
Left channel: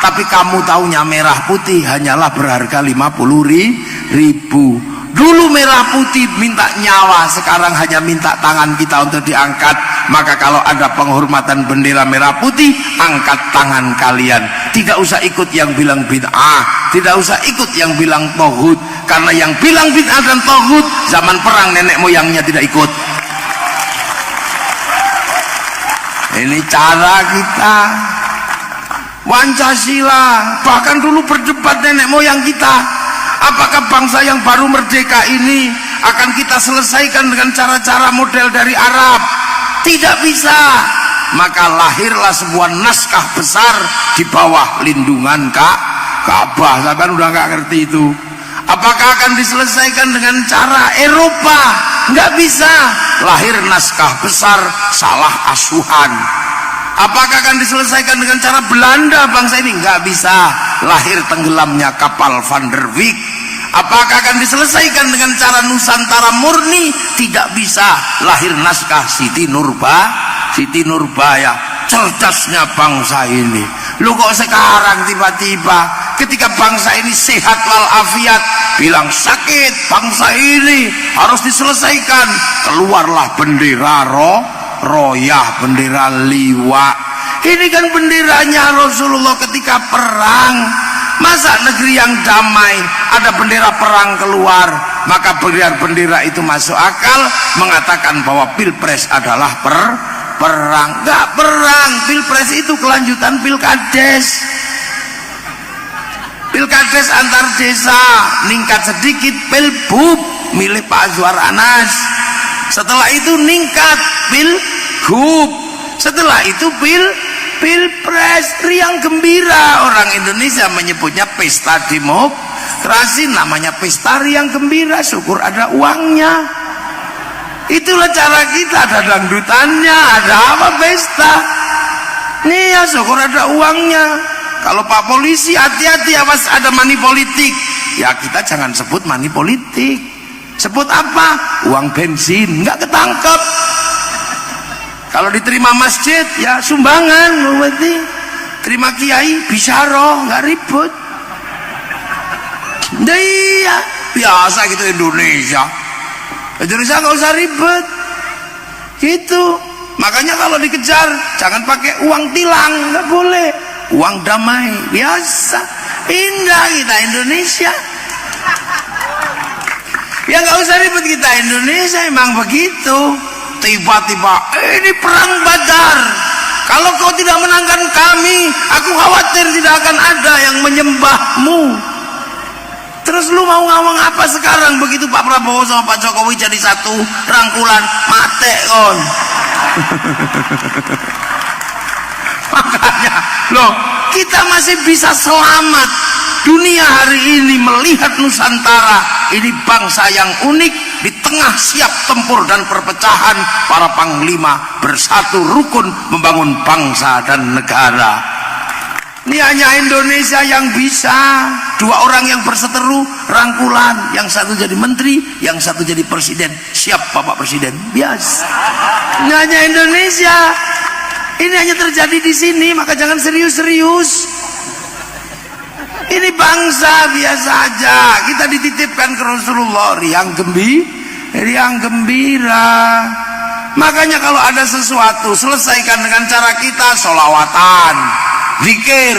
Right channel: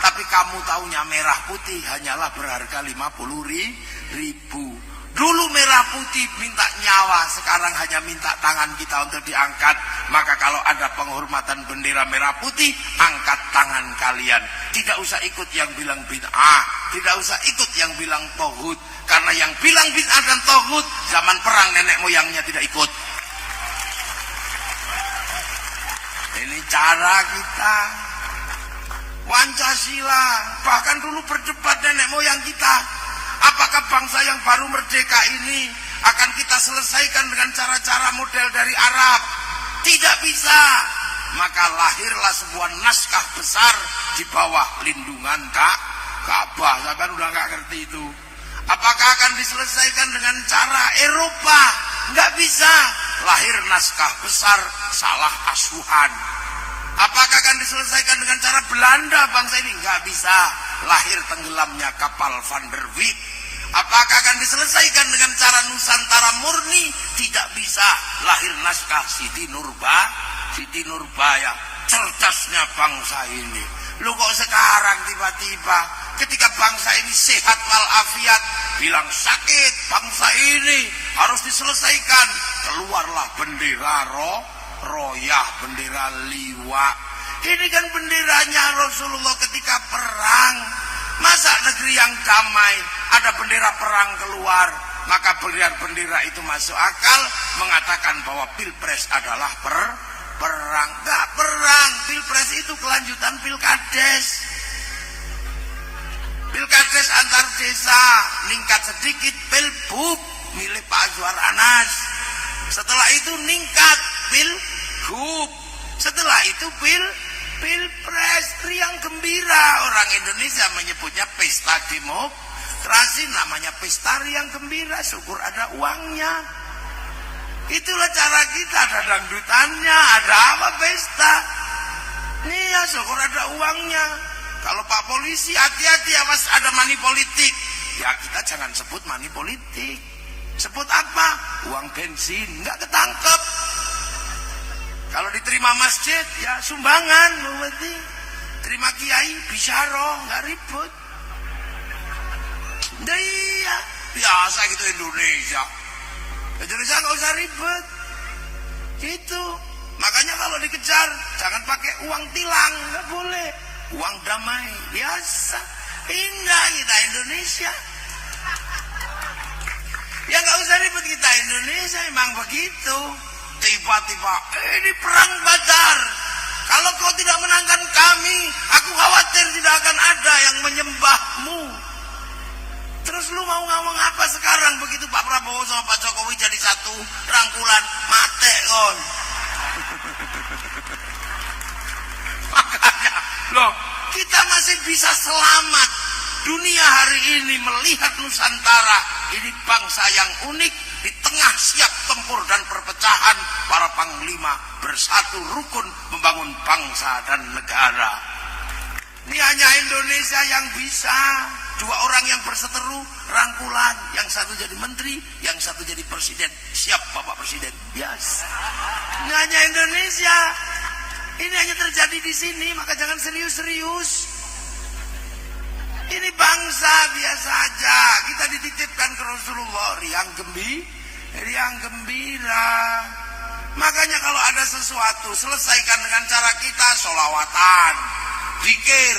tapi kamu taunya merah putih hanyalah berharga 50.000. Dulu merah putih minta nyawa, sekarang hanya minta tangan kita untuk diangkat. Maka kalau ada penghormatan bendera merah putih, angkat tangan kalian. Tidak usah ikut yang bilang bid'ah, tidak usah ikut yang bilang tauhid, karena yang bilang bid'ah dan tauhid zaman perang nenek moyangnya tidak ikut. Ini cara kita. Pancasila, bahkan dulu berdebat nenek moyang kita, apakah bangsa yang baru merdeka ini akan kita selesaikan dengan cara-cara model dari Arab? Tidak bisa. Maka lahirlah sebuah naskah besar di bawah lindungan Ka'bah. Saya kan udah nggak ngerti itu. Apakah akan diselesaikan dengan cara Eropa? Nggak bisa. Lahir naskah besar salah asuhan. Apakah akan diselesaikan dengan cara Belanda bangsa ini? Nggak bisa. Lahir tenggelamnya kapal Van der Wijk. Apakah akan diselesaikan dengan cara Nusantara murni? Tidak bisa. Lahir naskah Siti Nurbaya. Cerdasnya bangsa ini. Lu kok sekarang tiba-tiba ketika bangsa ini sehat walafiat bilang sakit bangsa ini harus diselesaikan, keluarlah bendera royah, bendera liwa. Ini kan benderanya Rasulullah ketika perang. Masa negeri yang damai ada bendera perang keluar? Maka bendera itu masuk akal mengatakan bahwa pilpres adalah perang. Enggak perang, pilpres itu kelanjutan pilkades. Pilkades antar desa, ningkat sedikit pilbub milik Pak Azwar Anas. Setelah itu ningkat pilgub. Setelah itu pilpres, riang gembira. Orang Indonesia menyebutnya pesta demokrasi, namanya pesta riang gembira, syukur ada uangnya. Itulah cara kita, ada dangdutannya, ada apa pesta. Nih ya syukur ada uangnya. Kalau Pak Polisi hati-hati awas ada money politik. Ya kita jangan sebut money politik. Sebut apa? Uang bensin, nggak ketangkep. Kalau diterima masjid ya sumbangan, berarti terima kiai bisyaro, nggak ribut. Iya biasa gitu Indonesia nggak usah ribet gitu. Makanya kalau dikejar jangan pakai uang tilang, nggak boleh. Uang damai biasa, indah kita Indonesia. Ya nggak usah ribet kita Indonesia, emang begitu. Tiba-tiba ini perang Badar, kalau kau tidak menangkan kami, aku khawatir tidak akan ada yang menyembahmu. Terus lu mau ngomong apa sekarang begitu Pak Prabowo sama Pak Jokowi jadi satu rangkulan? Mate kon. Makanya loh, kita masih bisa selamat. Dunia hari ini melihat Nusantara ini bangsa yang unik, di tengah siap tempur dan perpecahan, para panglima bersatu rukun membangun bangsa dan negara. Ini hanya Indonesia yang bisa. Dua orang yang berseteru rangkulan, yang satu jadi menteri, yang satu jadi presiden. Siap Bapak Presiden, bias. Ini hanya Indonesia. Ini hanya terjadi di sini, maka jangan serius-serius. Ini bangsa biasa aja. Kita dititipkan ke Rasulullah riang gembira. Makanya kalau ada sesuatu, selesaikan dengan cara kita sholawatan, zikir.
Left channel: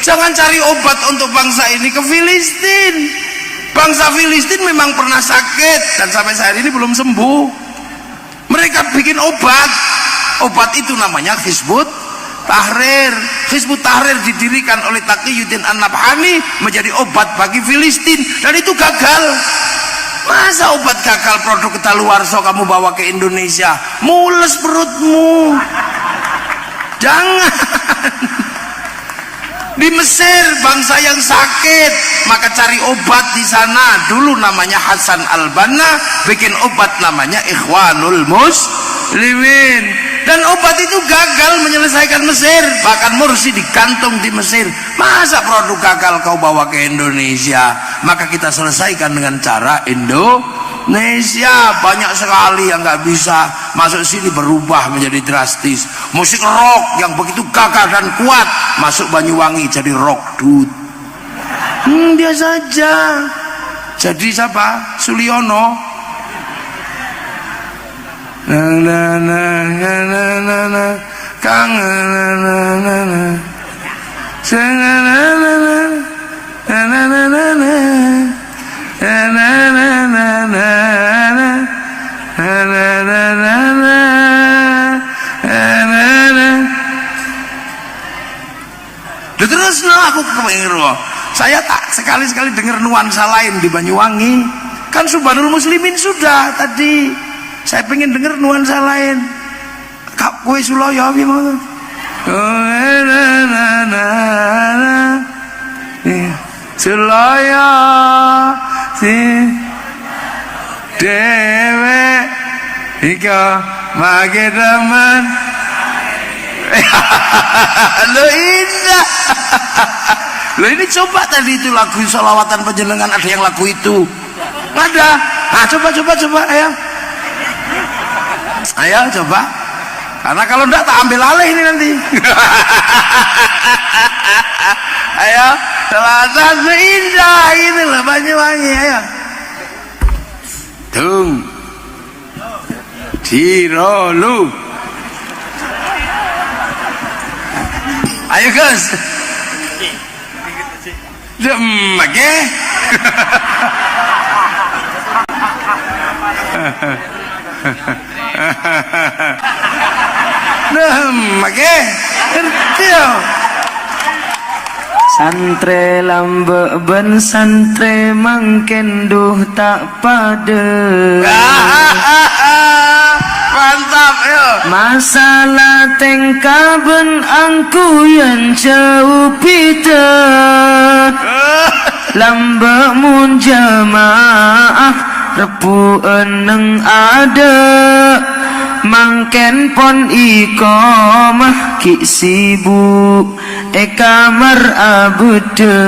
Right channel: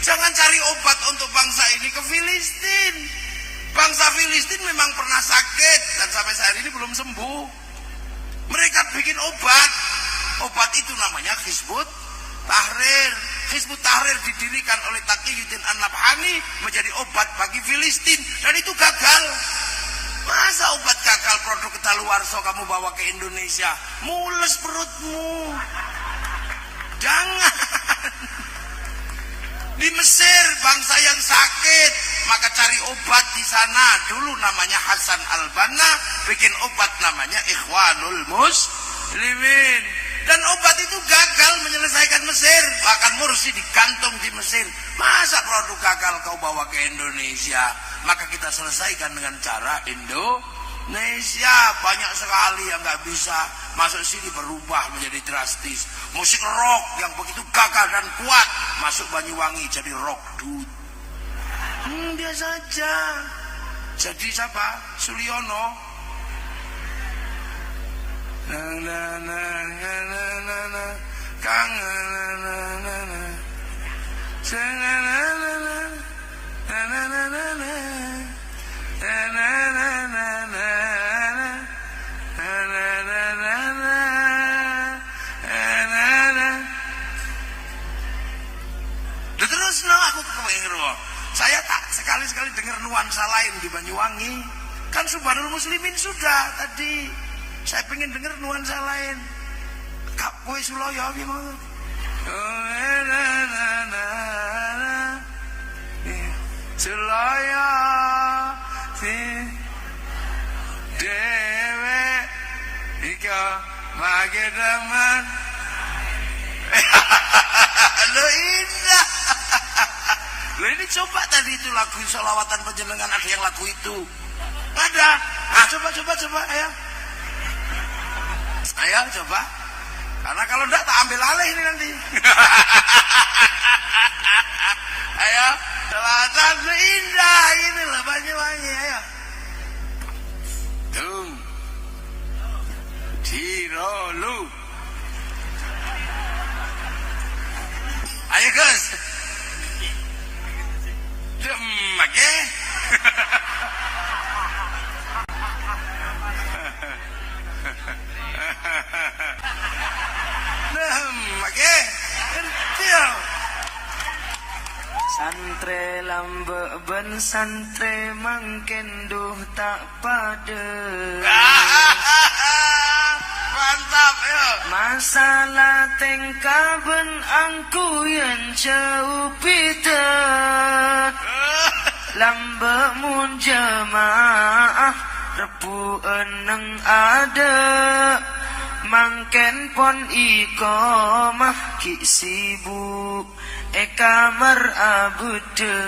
Jangan cari obat untuk bangsa ini ke Filistin. Bangsa Filistin memang pernah sakit dan sampai saat ini belum sembuh. Mereka bikin obat. Obat itu namanya Hizbut Tahrir. Hizbut Tahrir didirikan oleh Taqiyuddin An-Nabhani menjadi obat bagi Filistin, dan itu gagal. Masa obat gagal produk kadaluarsa kamu bawa ke Indonesia? Mules perutmu. Jangan. Di Mesir bangsa yang sakit, maka cari obat di sana. Dulu namanya Hasan Al-Banna, bikin obat namanya Ikhwanul Muslimin, dan obat itu gagal menyelesaikan Mesir. Bahkan Mursi digantung di Mesir. Masa produk gagal kau bawa ke Indonesia? Maka kita selesaikan dengan cara Indonesia. Banyak sekali yang nggak bisa masuk sini, berubah menjadi drastis. Musik rock yang begitu gagah dan kuat masuk Banyuwangi jadi rock dut. Biasa aja. Jadi siapa? Suliono. Terus aku kepengen, saya tak sekali-sekali dengar nuansa lain di Banyuwangi. Kan Subhanul Muslimin sudah tadi. Saya pengen dengar nuansa lain. Kak kue Suloyo gimana? Suloyo si dewe ika mage teman. Lo indah. Lo ini coba tadi itu lagu sholawatan penjenengan, ada yang lagu itu? Nggak ada. Nah coba ayo coba, karena kalau enggak tak ambil alih ini nanti. Ayo sholawatan indah ini loh Banyuwangi. Ayo tung Cirolu. Ayo Gus. Oke. Oke. Santre lambe ben santre mangken duh tak pada. Mantap yo. Masalah tengkaben angku yang jauh pita. Lambe mun jamaah repu eneng ada. Mangken pon iqamah ki sibuk kamar abude.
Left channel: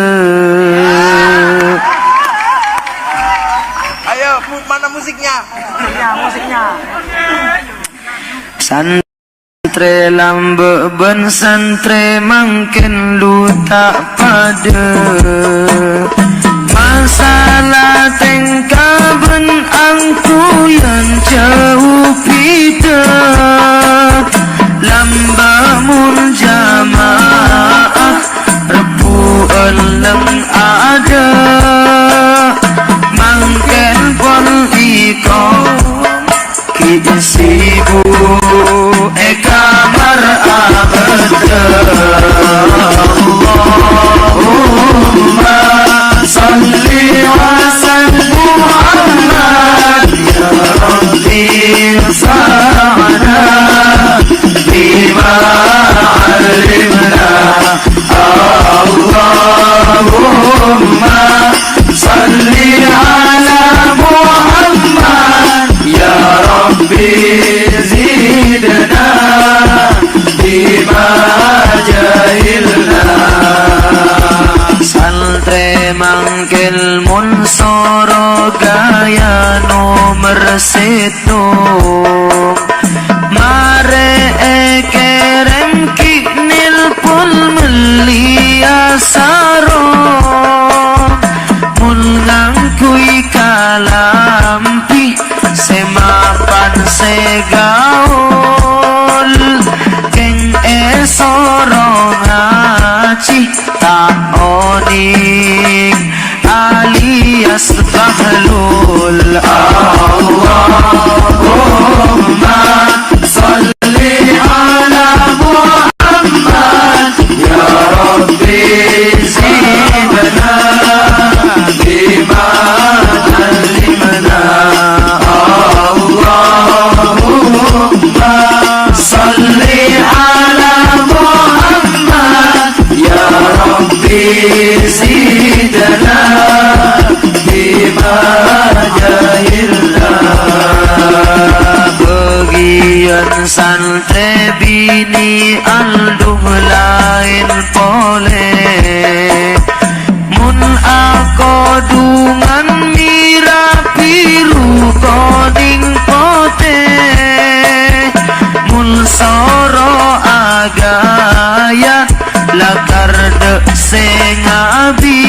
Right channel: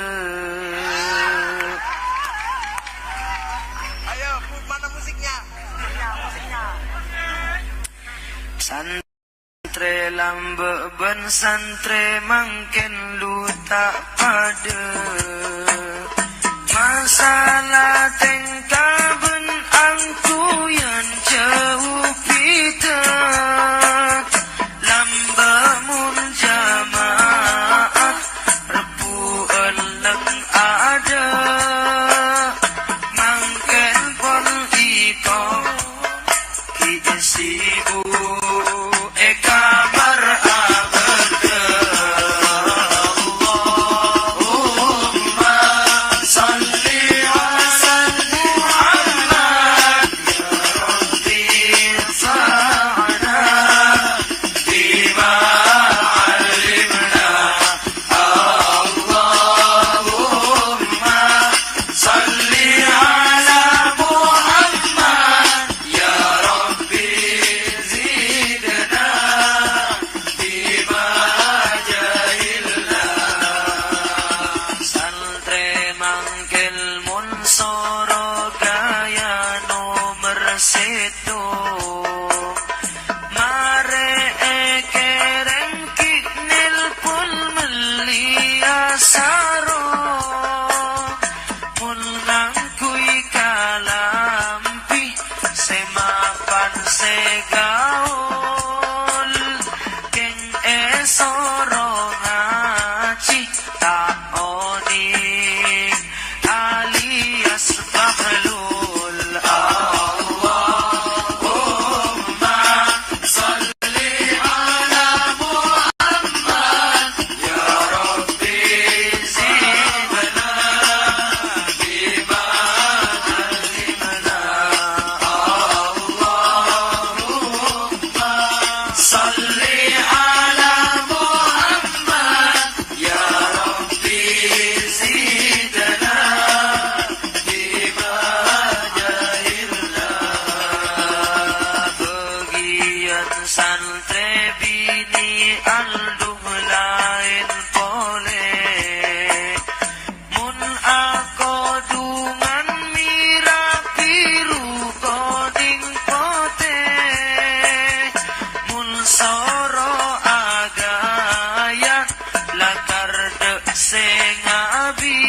Ayo mana musiknya? Musiknya. Santre lambe ben santre mangken lu tak pada. Masalah tengkaben angku yang jauh pita. Lambamun jamaah repu eleng ada. Mangken pon iko ki sibu kamar abada. Allahumma salli ala Muhammad ya Rabbi fa'ana bima alimna. Allahumma salli ala Muhammad segaul keng esoro ngaci tak oning alias bahlul. Allahumma salli ala Muhammad ya Rabbi zidna bima alimna. Allahumma salli ala Muhammad ya Rabbi zidna bima jahilna. Bagian santri bini alduh lain pole mun ako dungan mira biru koning pote mun soro agaya lakar de sengabi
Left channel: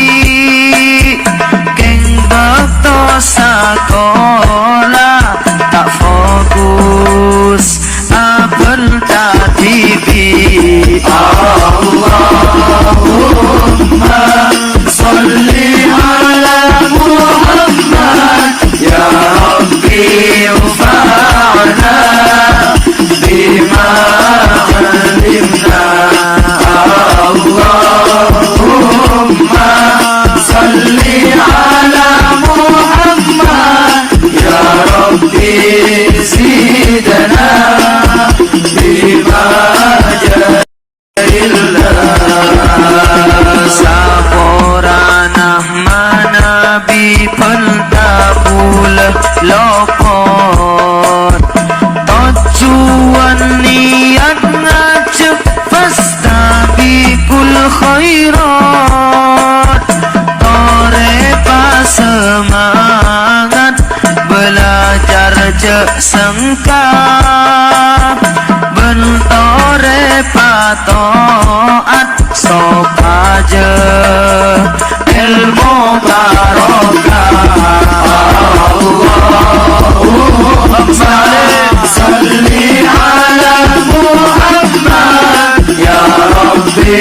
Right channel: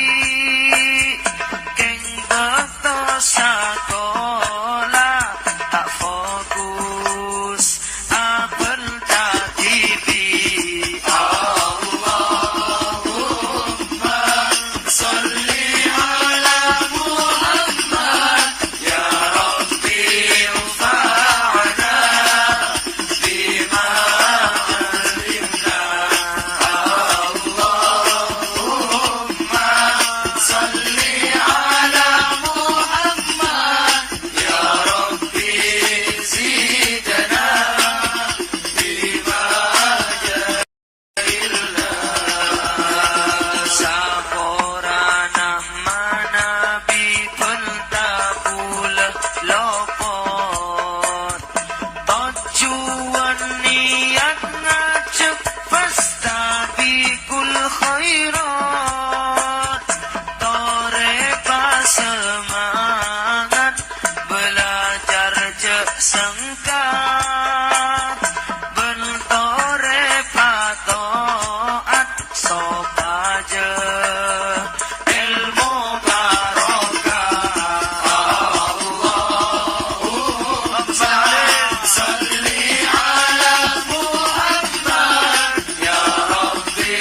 keng bakto sakola tak fokus apel tatibi. Allahumma salli ala Muhammad ya Rabbi ufa'na bima alimna. Allahumma salli ala Muhammad ya Rabbi zidna bima jahilna. Saporanah manabi pentabul lopot tujuan niat ngajak fastabikul khairat tore pas semangat belajar jek sengka bentore patoat sok aja ilmu barokah. Allahumma salli ala Muhammad ya Rabbi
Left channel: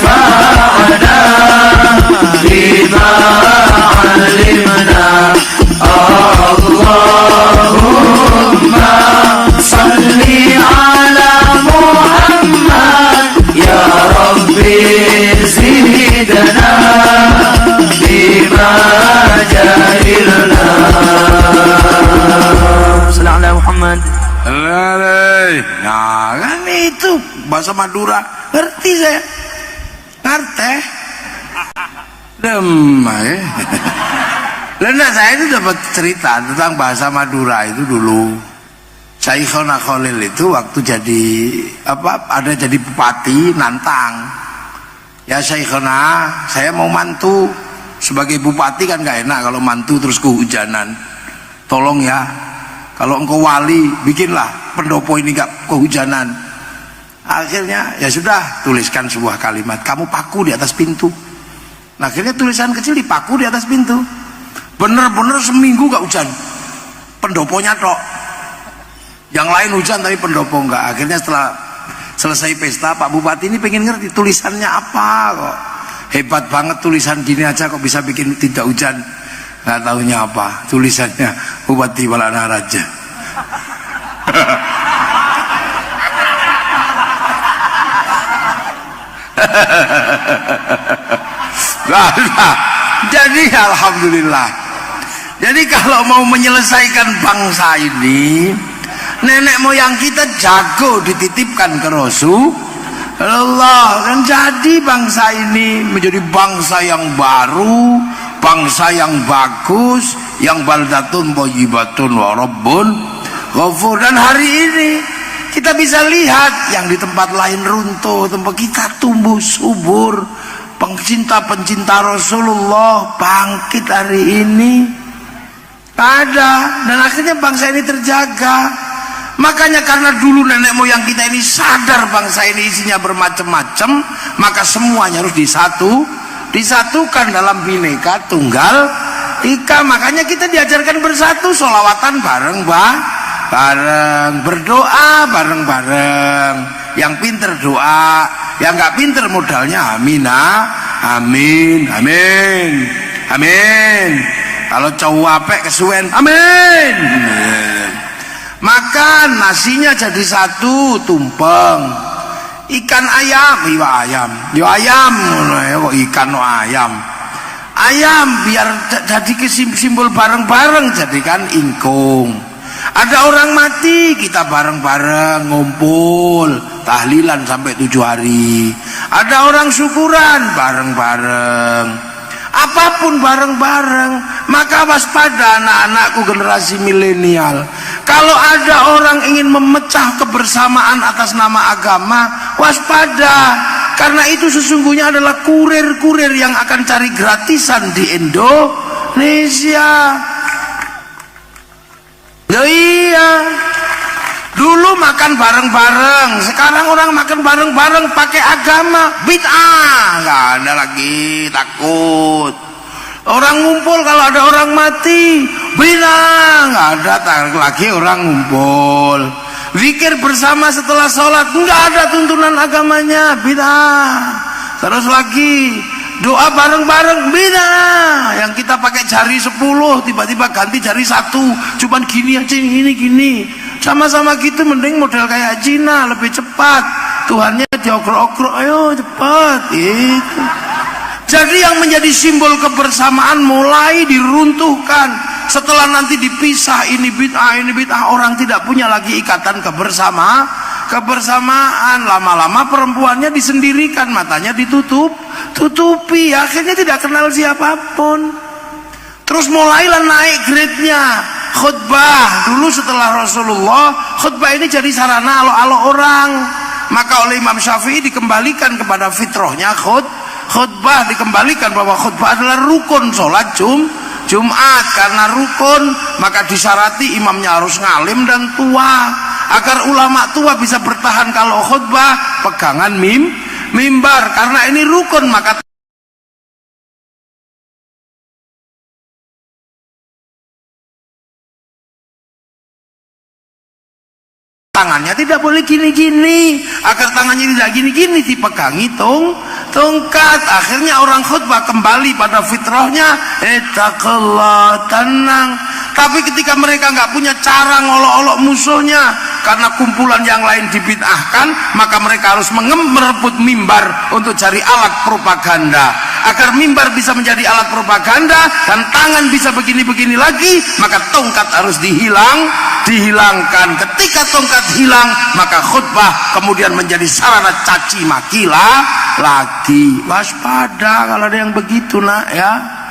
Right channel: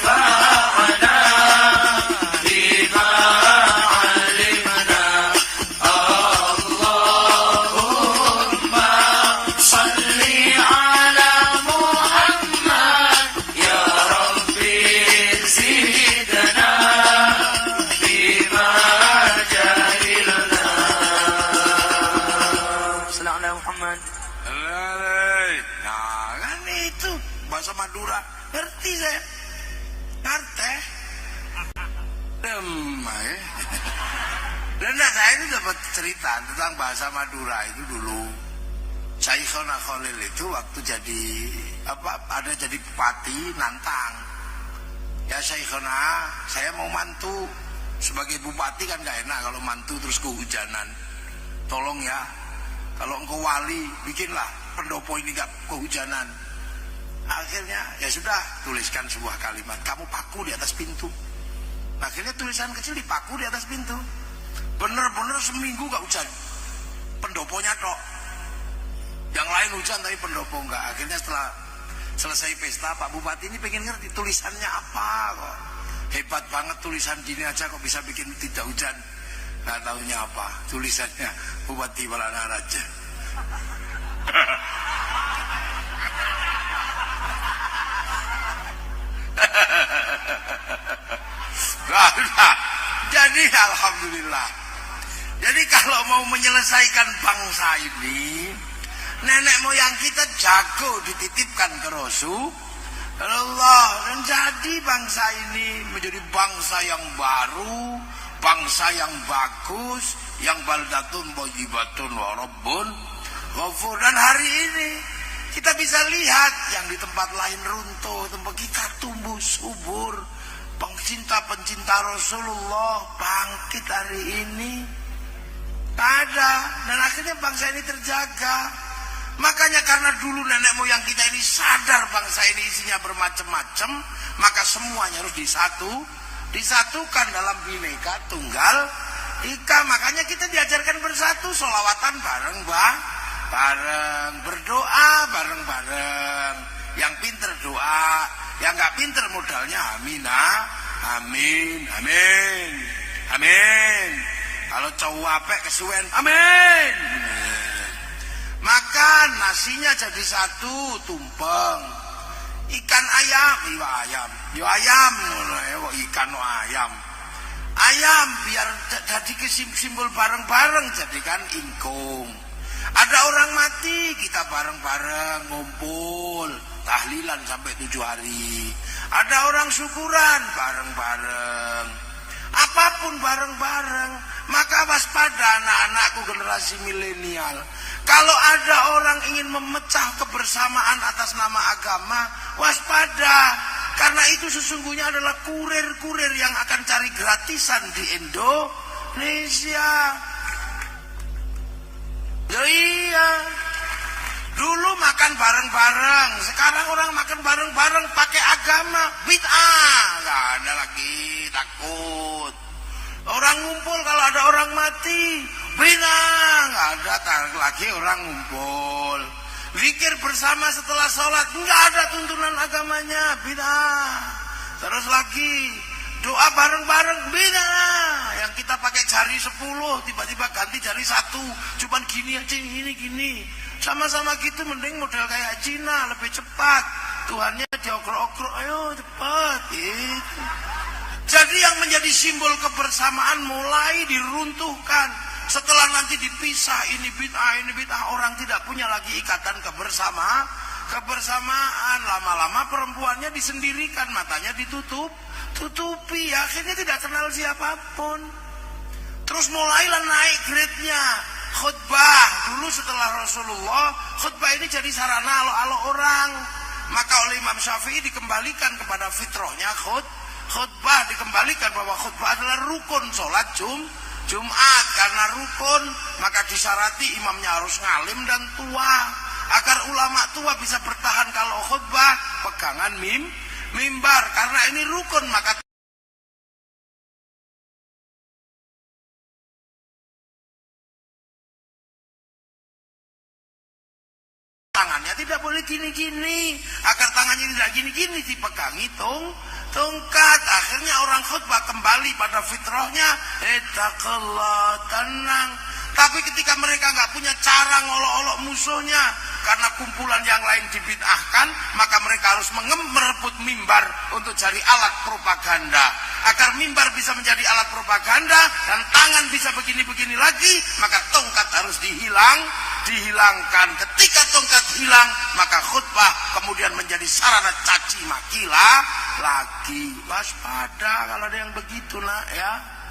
fa'na bima alimna. Allahumma salli ala Muhammad ya Rabbi zidna bima jahilna. Sallallahu alaihi Muhammad. Nah kan itu bahasa Madura, ngerti saya, ngerti demai. Lena saya itu dapat cerita tentang bahasa Madura itu dulu. Syekhona Khalil itu waktu jadi ada jadi bupati nantang. Ya Syekhona, saya mau mantu sebagai bupati kan gak enak kalau mantu terus kehujanan. Tolong ya, kalau engkau wali bikinlah pendopo ini gak kehujanan. Akhirnya ya sudah, tuliskan sebuah kalimat, kamu paku di atas pintu. Nah, akhirnya tulisan kecil dipaku di atas pintu. Bener-bener seminggu gak hujan, pendoponya tok. Yang lain hujan tapi pendopo enggak. Akhirnya setelah selesai pesta, Pak Bupati ini pengen ngerti tulisannya apa kok. Hebat banget tulisan gini aja kok bisa bikin tidak hujan. Nggak tahunya apa, tulisannya Bupati Balana Raja. Jadi alhamdulillah. Jadi kalau mau menyelesaikan bangsa ini, nenek moyang kita jago dititipkan ke Rasulullah, dan jadi bangsa ini menjadi bangsa yang baru, bangsa yang bagus, yang baldatun thayyibatun wa rabbun ghafur. Dan hari ini kita bisa lihat yang di tempat lain runtuh, tempat kita tumbuh subur. Pencinta-pencinta Rasulullah bangkit hari ini ada, dan akhirnya bangsa ini terjaga. Makanya karena dulu nenek moyang kita ini sadar bangsa ini isinya bermacam-macam, maka semuanya harus disatukan dalam Bhinneka Tunggal Ika. Makanya kita diajarkan bersatu, sholawatan bareng bareng, berdoa bareng-bareng. Yang pinter doa, yang nggak pinter modalnya amin, amin, amin, amin. Kalau cowok apek kesuwen, amin. Makan nasinya jadi satu, tumpeng. Ikan ayam, iya ayam, yo ayam, kok ikan no ayam. Ayam biar jadi simbol bareng-bareng, jadikan ingkung. Ada orang mati, kita bareng-bareng ngumpul tahlilan sampai 7 hari. Ada orang syukuran bareng-bareng. Apapun bareng-bareng. Maka waspada anak-anakku generasi milenial. Kalau ada orang ingin memecah kebersamaan atas nama agama, waspada. Karena itu sesungguhnya adalah kurir-kurir yang akan cari gratisan di Indonesia. Ya iya. Dulu makan bareng-bareng, sekarang orang makan bareng-bareng pakai agama, bid'ah. Nggak ada lagi, takut. Orang ngumpul kalau ada orang mati, bid'ah. Nggak ada lagi orang ngumpul. Zikir bersama setelah sholat, nggak ada tuntunan agamanya, bid'ah. Terus lagi doa bareng-bareng, bid'ah. Yang kita pakai jari 10 tiba-tiba ganti jari 1, cuman gini aja, gini. Sama-sama gitu, mending model kayak Cina, lebih cepat. Tuhannya diokrok-okrok, ayo cepat gitu. Jadi yang menjadi simbol kebersamaan mulai diruntuhkan. Setelah nanti dipisah, ini bid'ah, orang tidak punya lagi ikatan kebersamaan. Lama-lama perempuannya disendirikan, matanya tutupi, akhirnya tidak kenal siapapun. Terus mulailah naik grade-nya khutbah. Dulu setelah Rasulullah, khutbah ini jadi sarana alo-alo orang. Maka oleh Imam Syafi'i dikembalikan kepada fitrahnya khutbah, dikembalikan bahwa khutbah adalah rukun sholat Jumat. Karena rukun, maka disyarati imamnya harus ngalim dan tua. Agar ulama tua bisa bertahan kalau khutbah, pegangan mimbar. Karena ini rukun, maka tangannya tidak boleh gini-gini. Agar tangannya tidak gini-gini, dipegangi tongkat. Akhirnya orang khutbah kembali pada fitrahnya, ittaqullah, tenang. Tapi ketika mereka nggak punya cara ngolok-olok musuhnya, karena kumpulan yang lain dibid'ahkan, maka mereka harus merebut mimbar untuk cari alat propaganda. Agar mimbar bisa menjadi alat propaganda dan tangan bisa begini-begini lagi, maka tongkat harus dihilangkan. Ketika tongkat hilang, maka khutbah kemudian menjadi sarana caci maki lagi. Waspada kalau ada yang begitu, nak ya.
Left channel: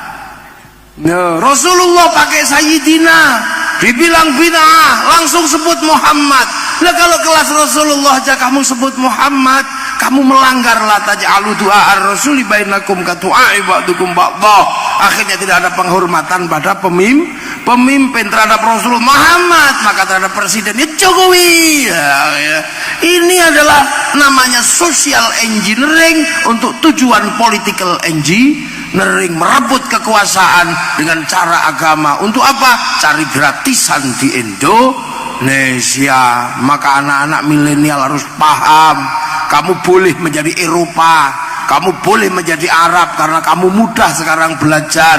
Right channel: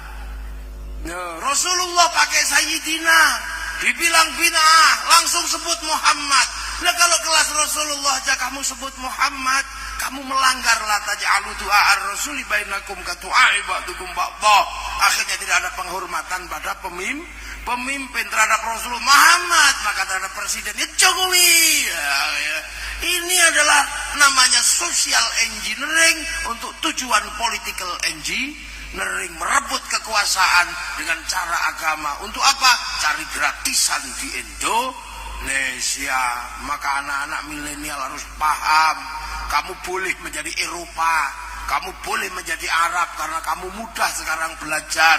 Nah, Rasulullah pakai Sayyidina, dibilang bid'ah, langsung sebut Muhammad. Nah, kalau kelas Rasulullah aja kamu sebut Muhammad, kamu melanggar. La taj'alu du'a ar-rasuli bainakum ka du'a ba'dukum ba'dha. Akhirnya tidak ada penghormatan pada pemimpin terhadap Rasulullah Muhammad, maka terhadap presiden Jokowi. Ya. Ini adalah namanya social engineering untuk tujuan political engineering, merebut kekuasaan dengan cara agama. Untuk apa? Cari gratisan di Indonesia. Maka anak-anak milenial harus paham, kamu boleh menjadi Eropa, kamu boleh menjadi Arab, karena kamu mudah sekarang belajar.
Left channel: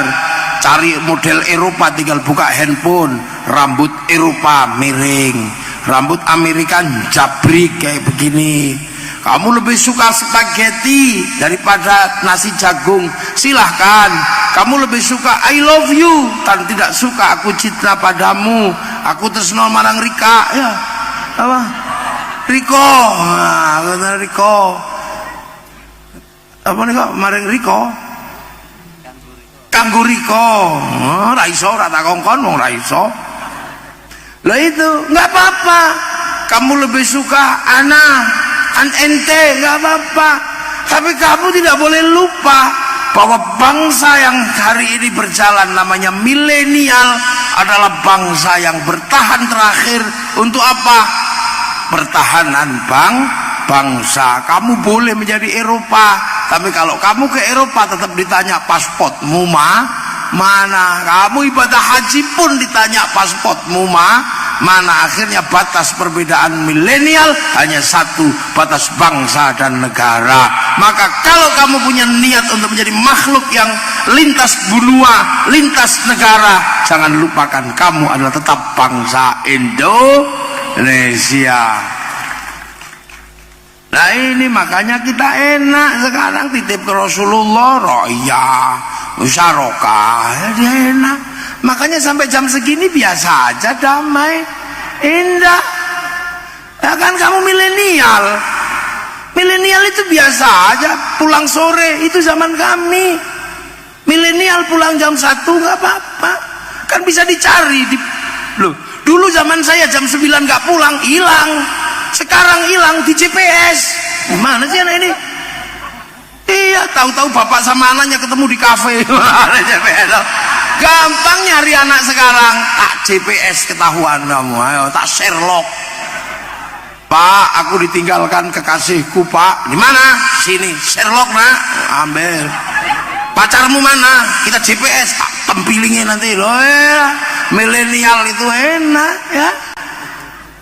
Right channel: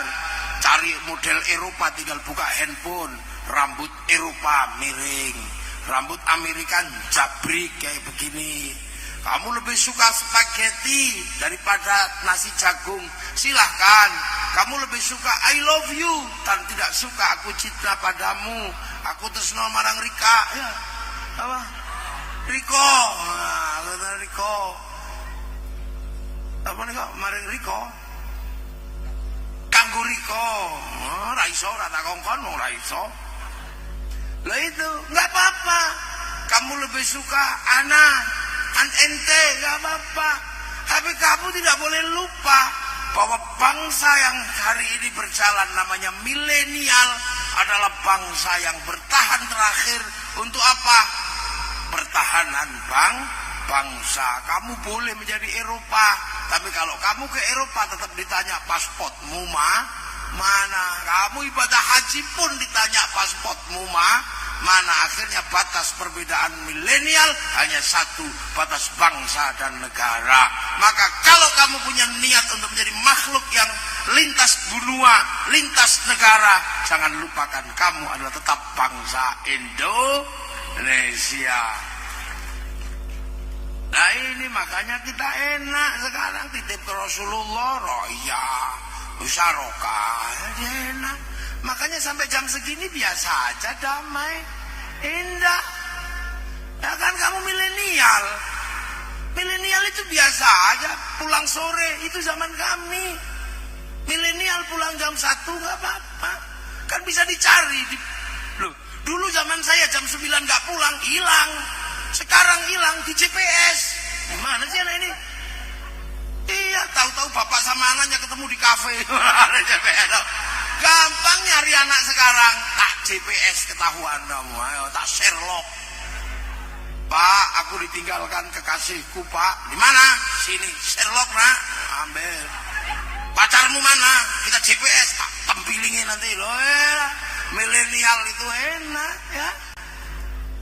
Cari model Eropa, tinggal buka handphone, rambut Eropa miring, rambut Amerika jabrik kayak begini. Kamu lebih suka spaghetti daripada nasi jagung, silahkan. Kamu lebih suka I love you dan tidak suka aku cinta padamu, aku tresno marang Rika, ya apa Riko, nah, Riko apa nih kok marang Riko, kanggo Riko, raiso rata kongkon wong raiso. Lah itu nggak apa-apa. Kamu lebih suka ente, nggak apa-apa. Tapi kamu tidak boleh lupa bahwa bangsa yang hari ini berjalan namanya milenial adalah bangsa yang bertahan terakhir. Untuk apa? Pertahanan bangsa. Kamu boleh menjadi Eropa, tapi kalau kamu ke Eropa tetap ditanya pasportmu mana. Kamu ibadah haji pun ditanya pasportmu mana akhirnya batas perbedaan milenial hanya satu, batas bangsa dan negara. Maka kalau kamu punya niat untuk menjadi makhluk yang lintas benua, lintas negara, jangan lupakan kamu adalah tetap bangsa Indonesia. Nah ini makanya kita enak sekarang titip ke Rasulullah, roya, musyarakah, ya dia enak. Makanya sampai jam segini biasa aja, damai, indah. Ya kan kamu milenial. Milenial itu biasa aja, pulang sore itu zaman kami. Milenial pulang jam 1 nggak apa-apa, kan bisa dicari. Loh, dulu zaman saya jam 9 nggak pulang, hilang. Sekarang hilang di GPS. Gimana sih anak ini? Iya, tahu-tahu bapak sama anaknya ketemu di kafe. GPS. Gampang nyari anak sekarang. Tak GPS ketahuan kamu. Ayo, tak Sherlock. Pak, aku ditinggalkan kekasihku, Pak. Di mana? Sini. Sherlock, nak. Ambil. Pacarmu mana? Kita GPS. Tak tempilingin nanti loh. Ya. Milenial itu enak, ya.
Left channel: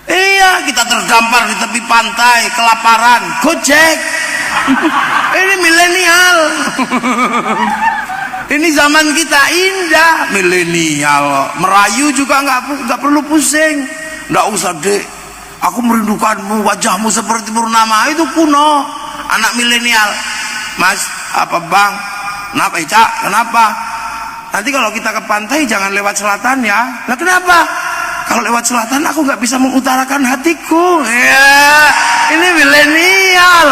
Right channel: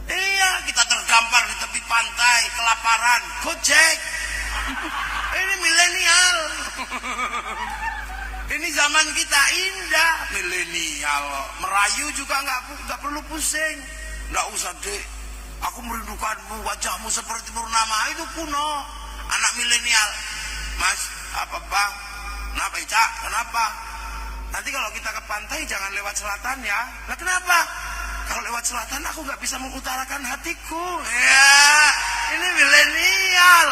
Iya, kita terdampar di tepi pantai, kelaparan, Gojek. Ini milenial. Ini zaman kita indah, milenial. Merayu juga nggak perlu pusing. Nggak usah, Dek. Aku merindukanmu, wajahmu seperti purnama. Itu kuno. Anak milenial. Mas, apa bang? Kenapa, Cak? Kenapa? Nanti kalau kita ke pantai jangan lewat selatan ya. Nah kenapa? Kalau lewat selatan aku nggak bisa mengutarakan hatiku. Ya, ini milenial.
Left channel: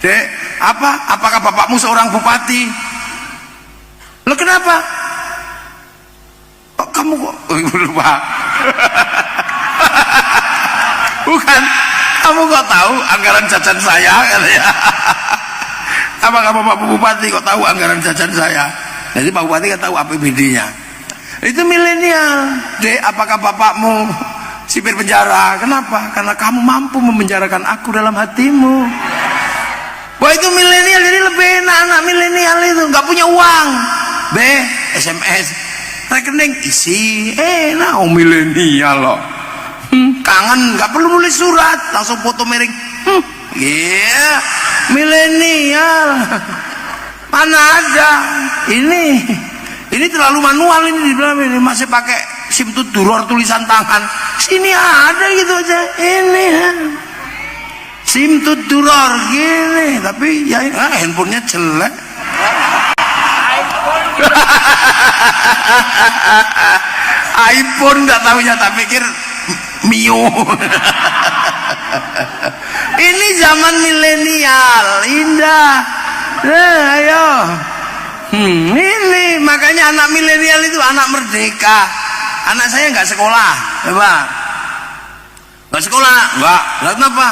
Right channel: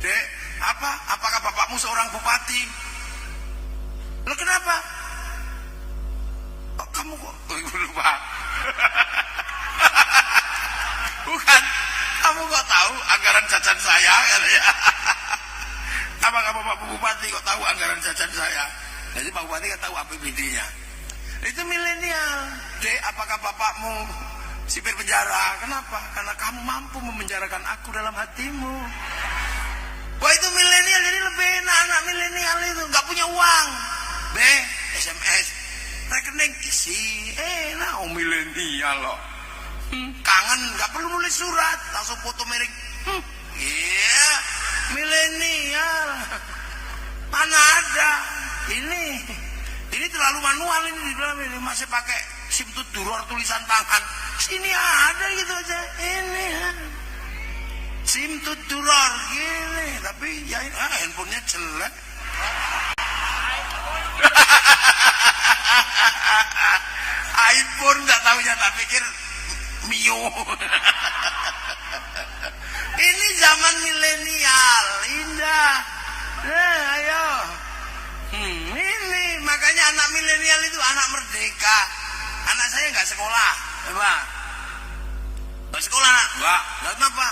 Dek, apakah bapakmu seorang bupati? Lo kenapa? Kok kamu kok lupa? Bukan, kamu kok tahu anggaran jajan saya katanya. Apakah Bapak Bupati kok tahu anggaran jajan saya? Jadi Pak Bupati kan tahu APBD-nya. Itu milenial. Dek, apakah bapakmu sipir penjara? Kenapa? Karena kamu mampu memenjarakan aku dalam hatimu. Wah, itu milenial. Jadi lebih enak anak milenial itu. Nggak punya uang. SMS, rekening isi. Enak, milenial loh. Kangen, nggak perlu nulis surat, langsung foto miring. Yeah, milenial. Mana ada? Ini terlalu manual ini, dibilang ini masih pakai SIM duror tulisan tangan. Sini ada gitu aja. Ini SIM duror gini, tapi ya handphonenya jelek. iPhone nggak tahunya, tak pikir Mio. Ini zaman milenial, indah. Ayo. Ini makanya anak milenial itu anak merdeka. Anak saya nggak sekolah, coba. Nggak sekolah, nggak. Lalu kenapa?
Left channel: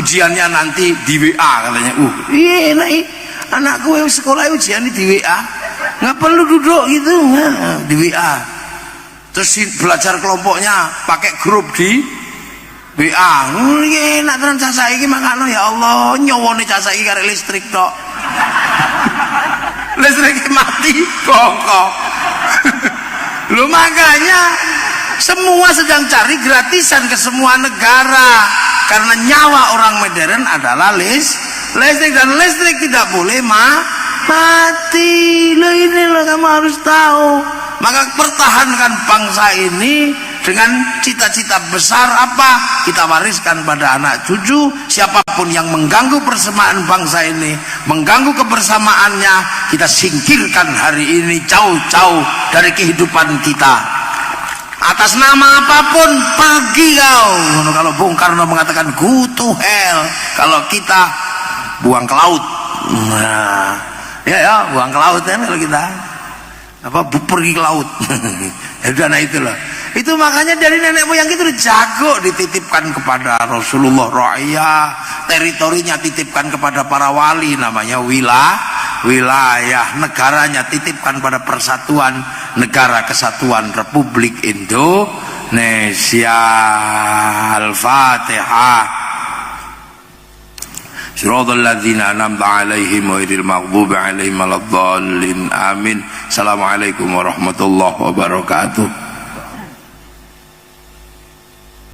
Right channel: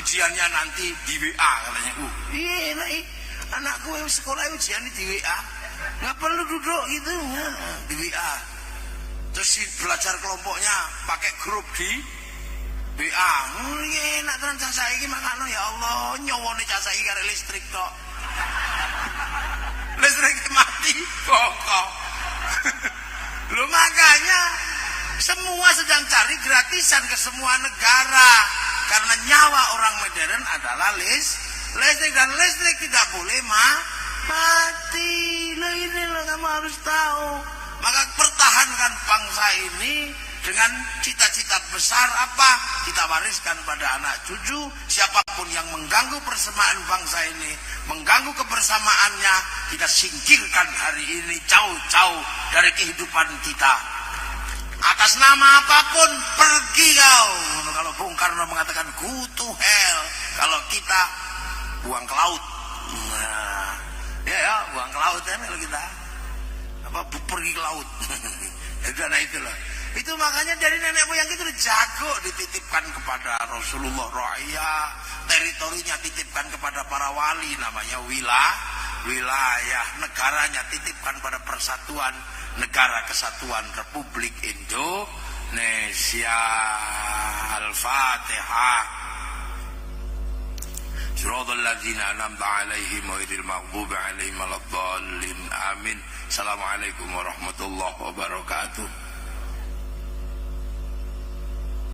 Ujiannya nanti di WA katanya. Iya, enak. Anakku yang sekolah ujian di WA. Nggak perlu duduk gitu, di WA. Terus belajar kelompoknya pakai grup di WA. Enak tenan cah saiki makano, ya Allah, nyowone cah saiki karek listrik tok. Listrik mati bongkok. Loh, makanya semua sedang cari gratisan ke semua negara, karena nyawa orang modern adalah listrik, dan listrik tidak boleh mati. Loh, ini loh kamu harus tahu. Maka pertahankan bangsa ini dengan cita-cita besar apa? Kita wariskan pada anak cucu. Siapapun yang mengganggu persamaan bangsa ini, mengganggu kebersamaannya, kita singkirkan hari ini jauh-jauh dari kehidupan kita. Atas nama apapun, pergi kau. Kalau Bung Karno mengatakan go to hell, kalau kita buang ke laut. Nah, ya buang ke laut ya kalau kita. Pergi ke laut. Nah itulah. Itu makanya dari nenek moyang itu jago, dititipkan kepada Rasulullah ra'iyah, teritorinya titipkan kepada para wali, namanya wilayah, negaranya titipkan pada Persatuan Negara Kesatuan Republik Indonesia. Al-Fatihah. Shiratal ladzina an'amta 'alaihim ghairil maghdubi 'alaihim waladdallin. Amin. Assalamualaikum warahmatullahi wabarakatuh.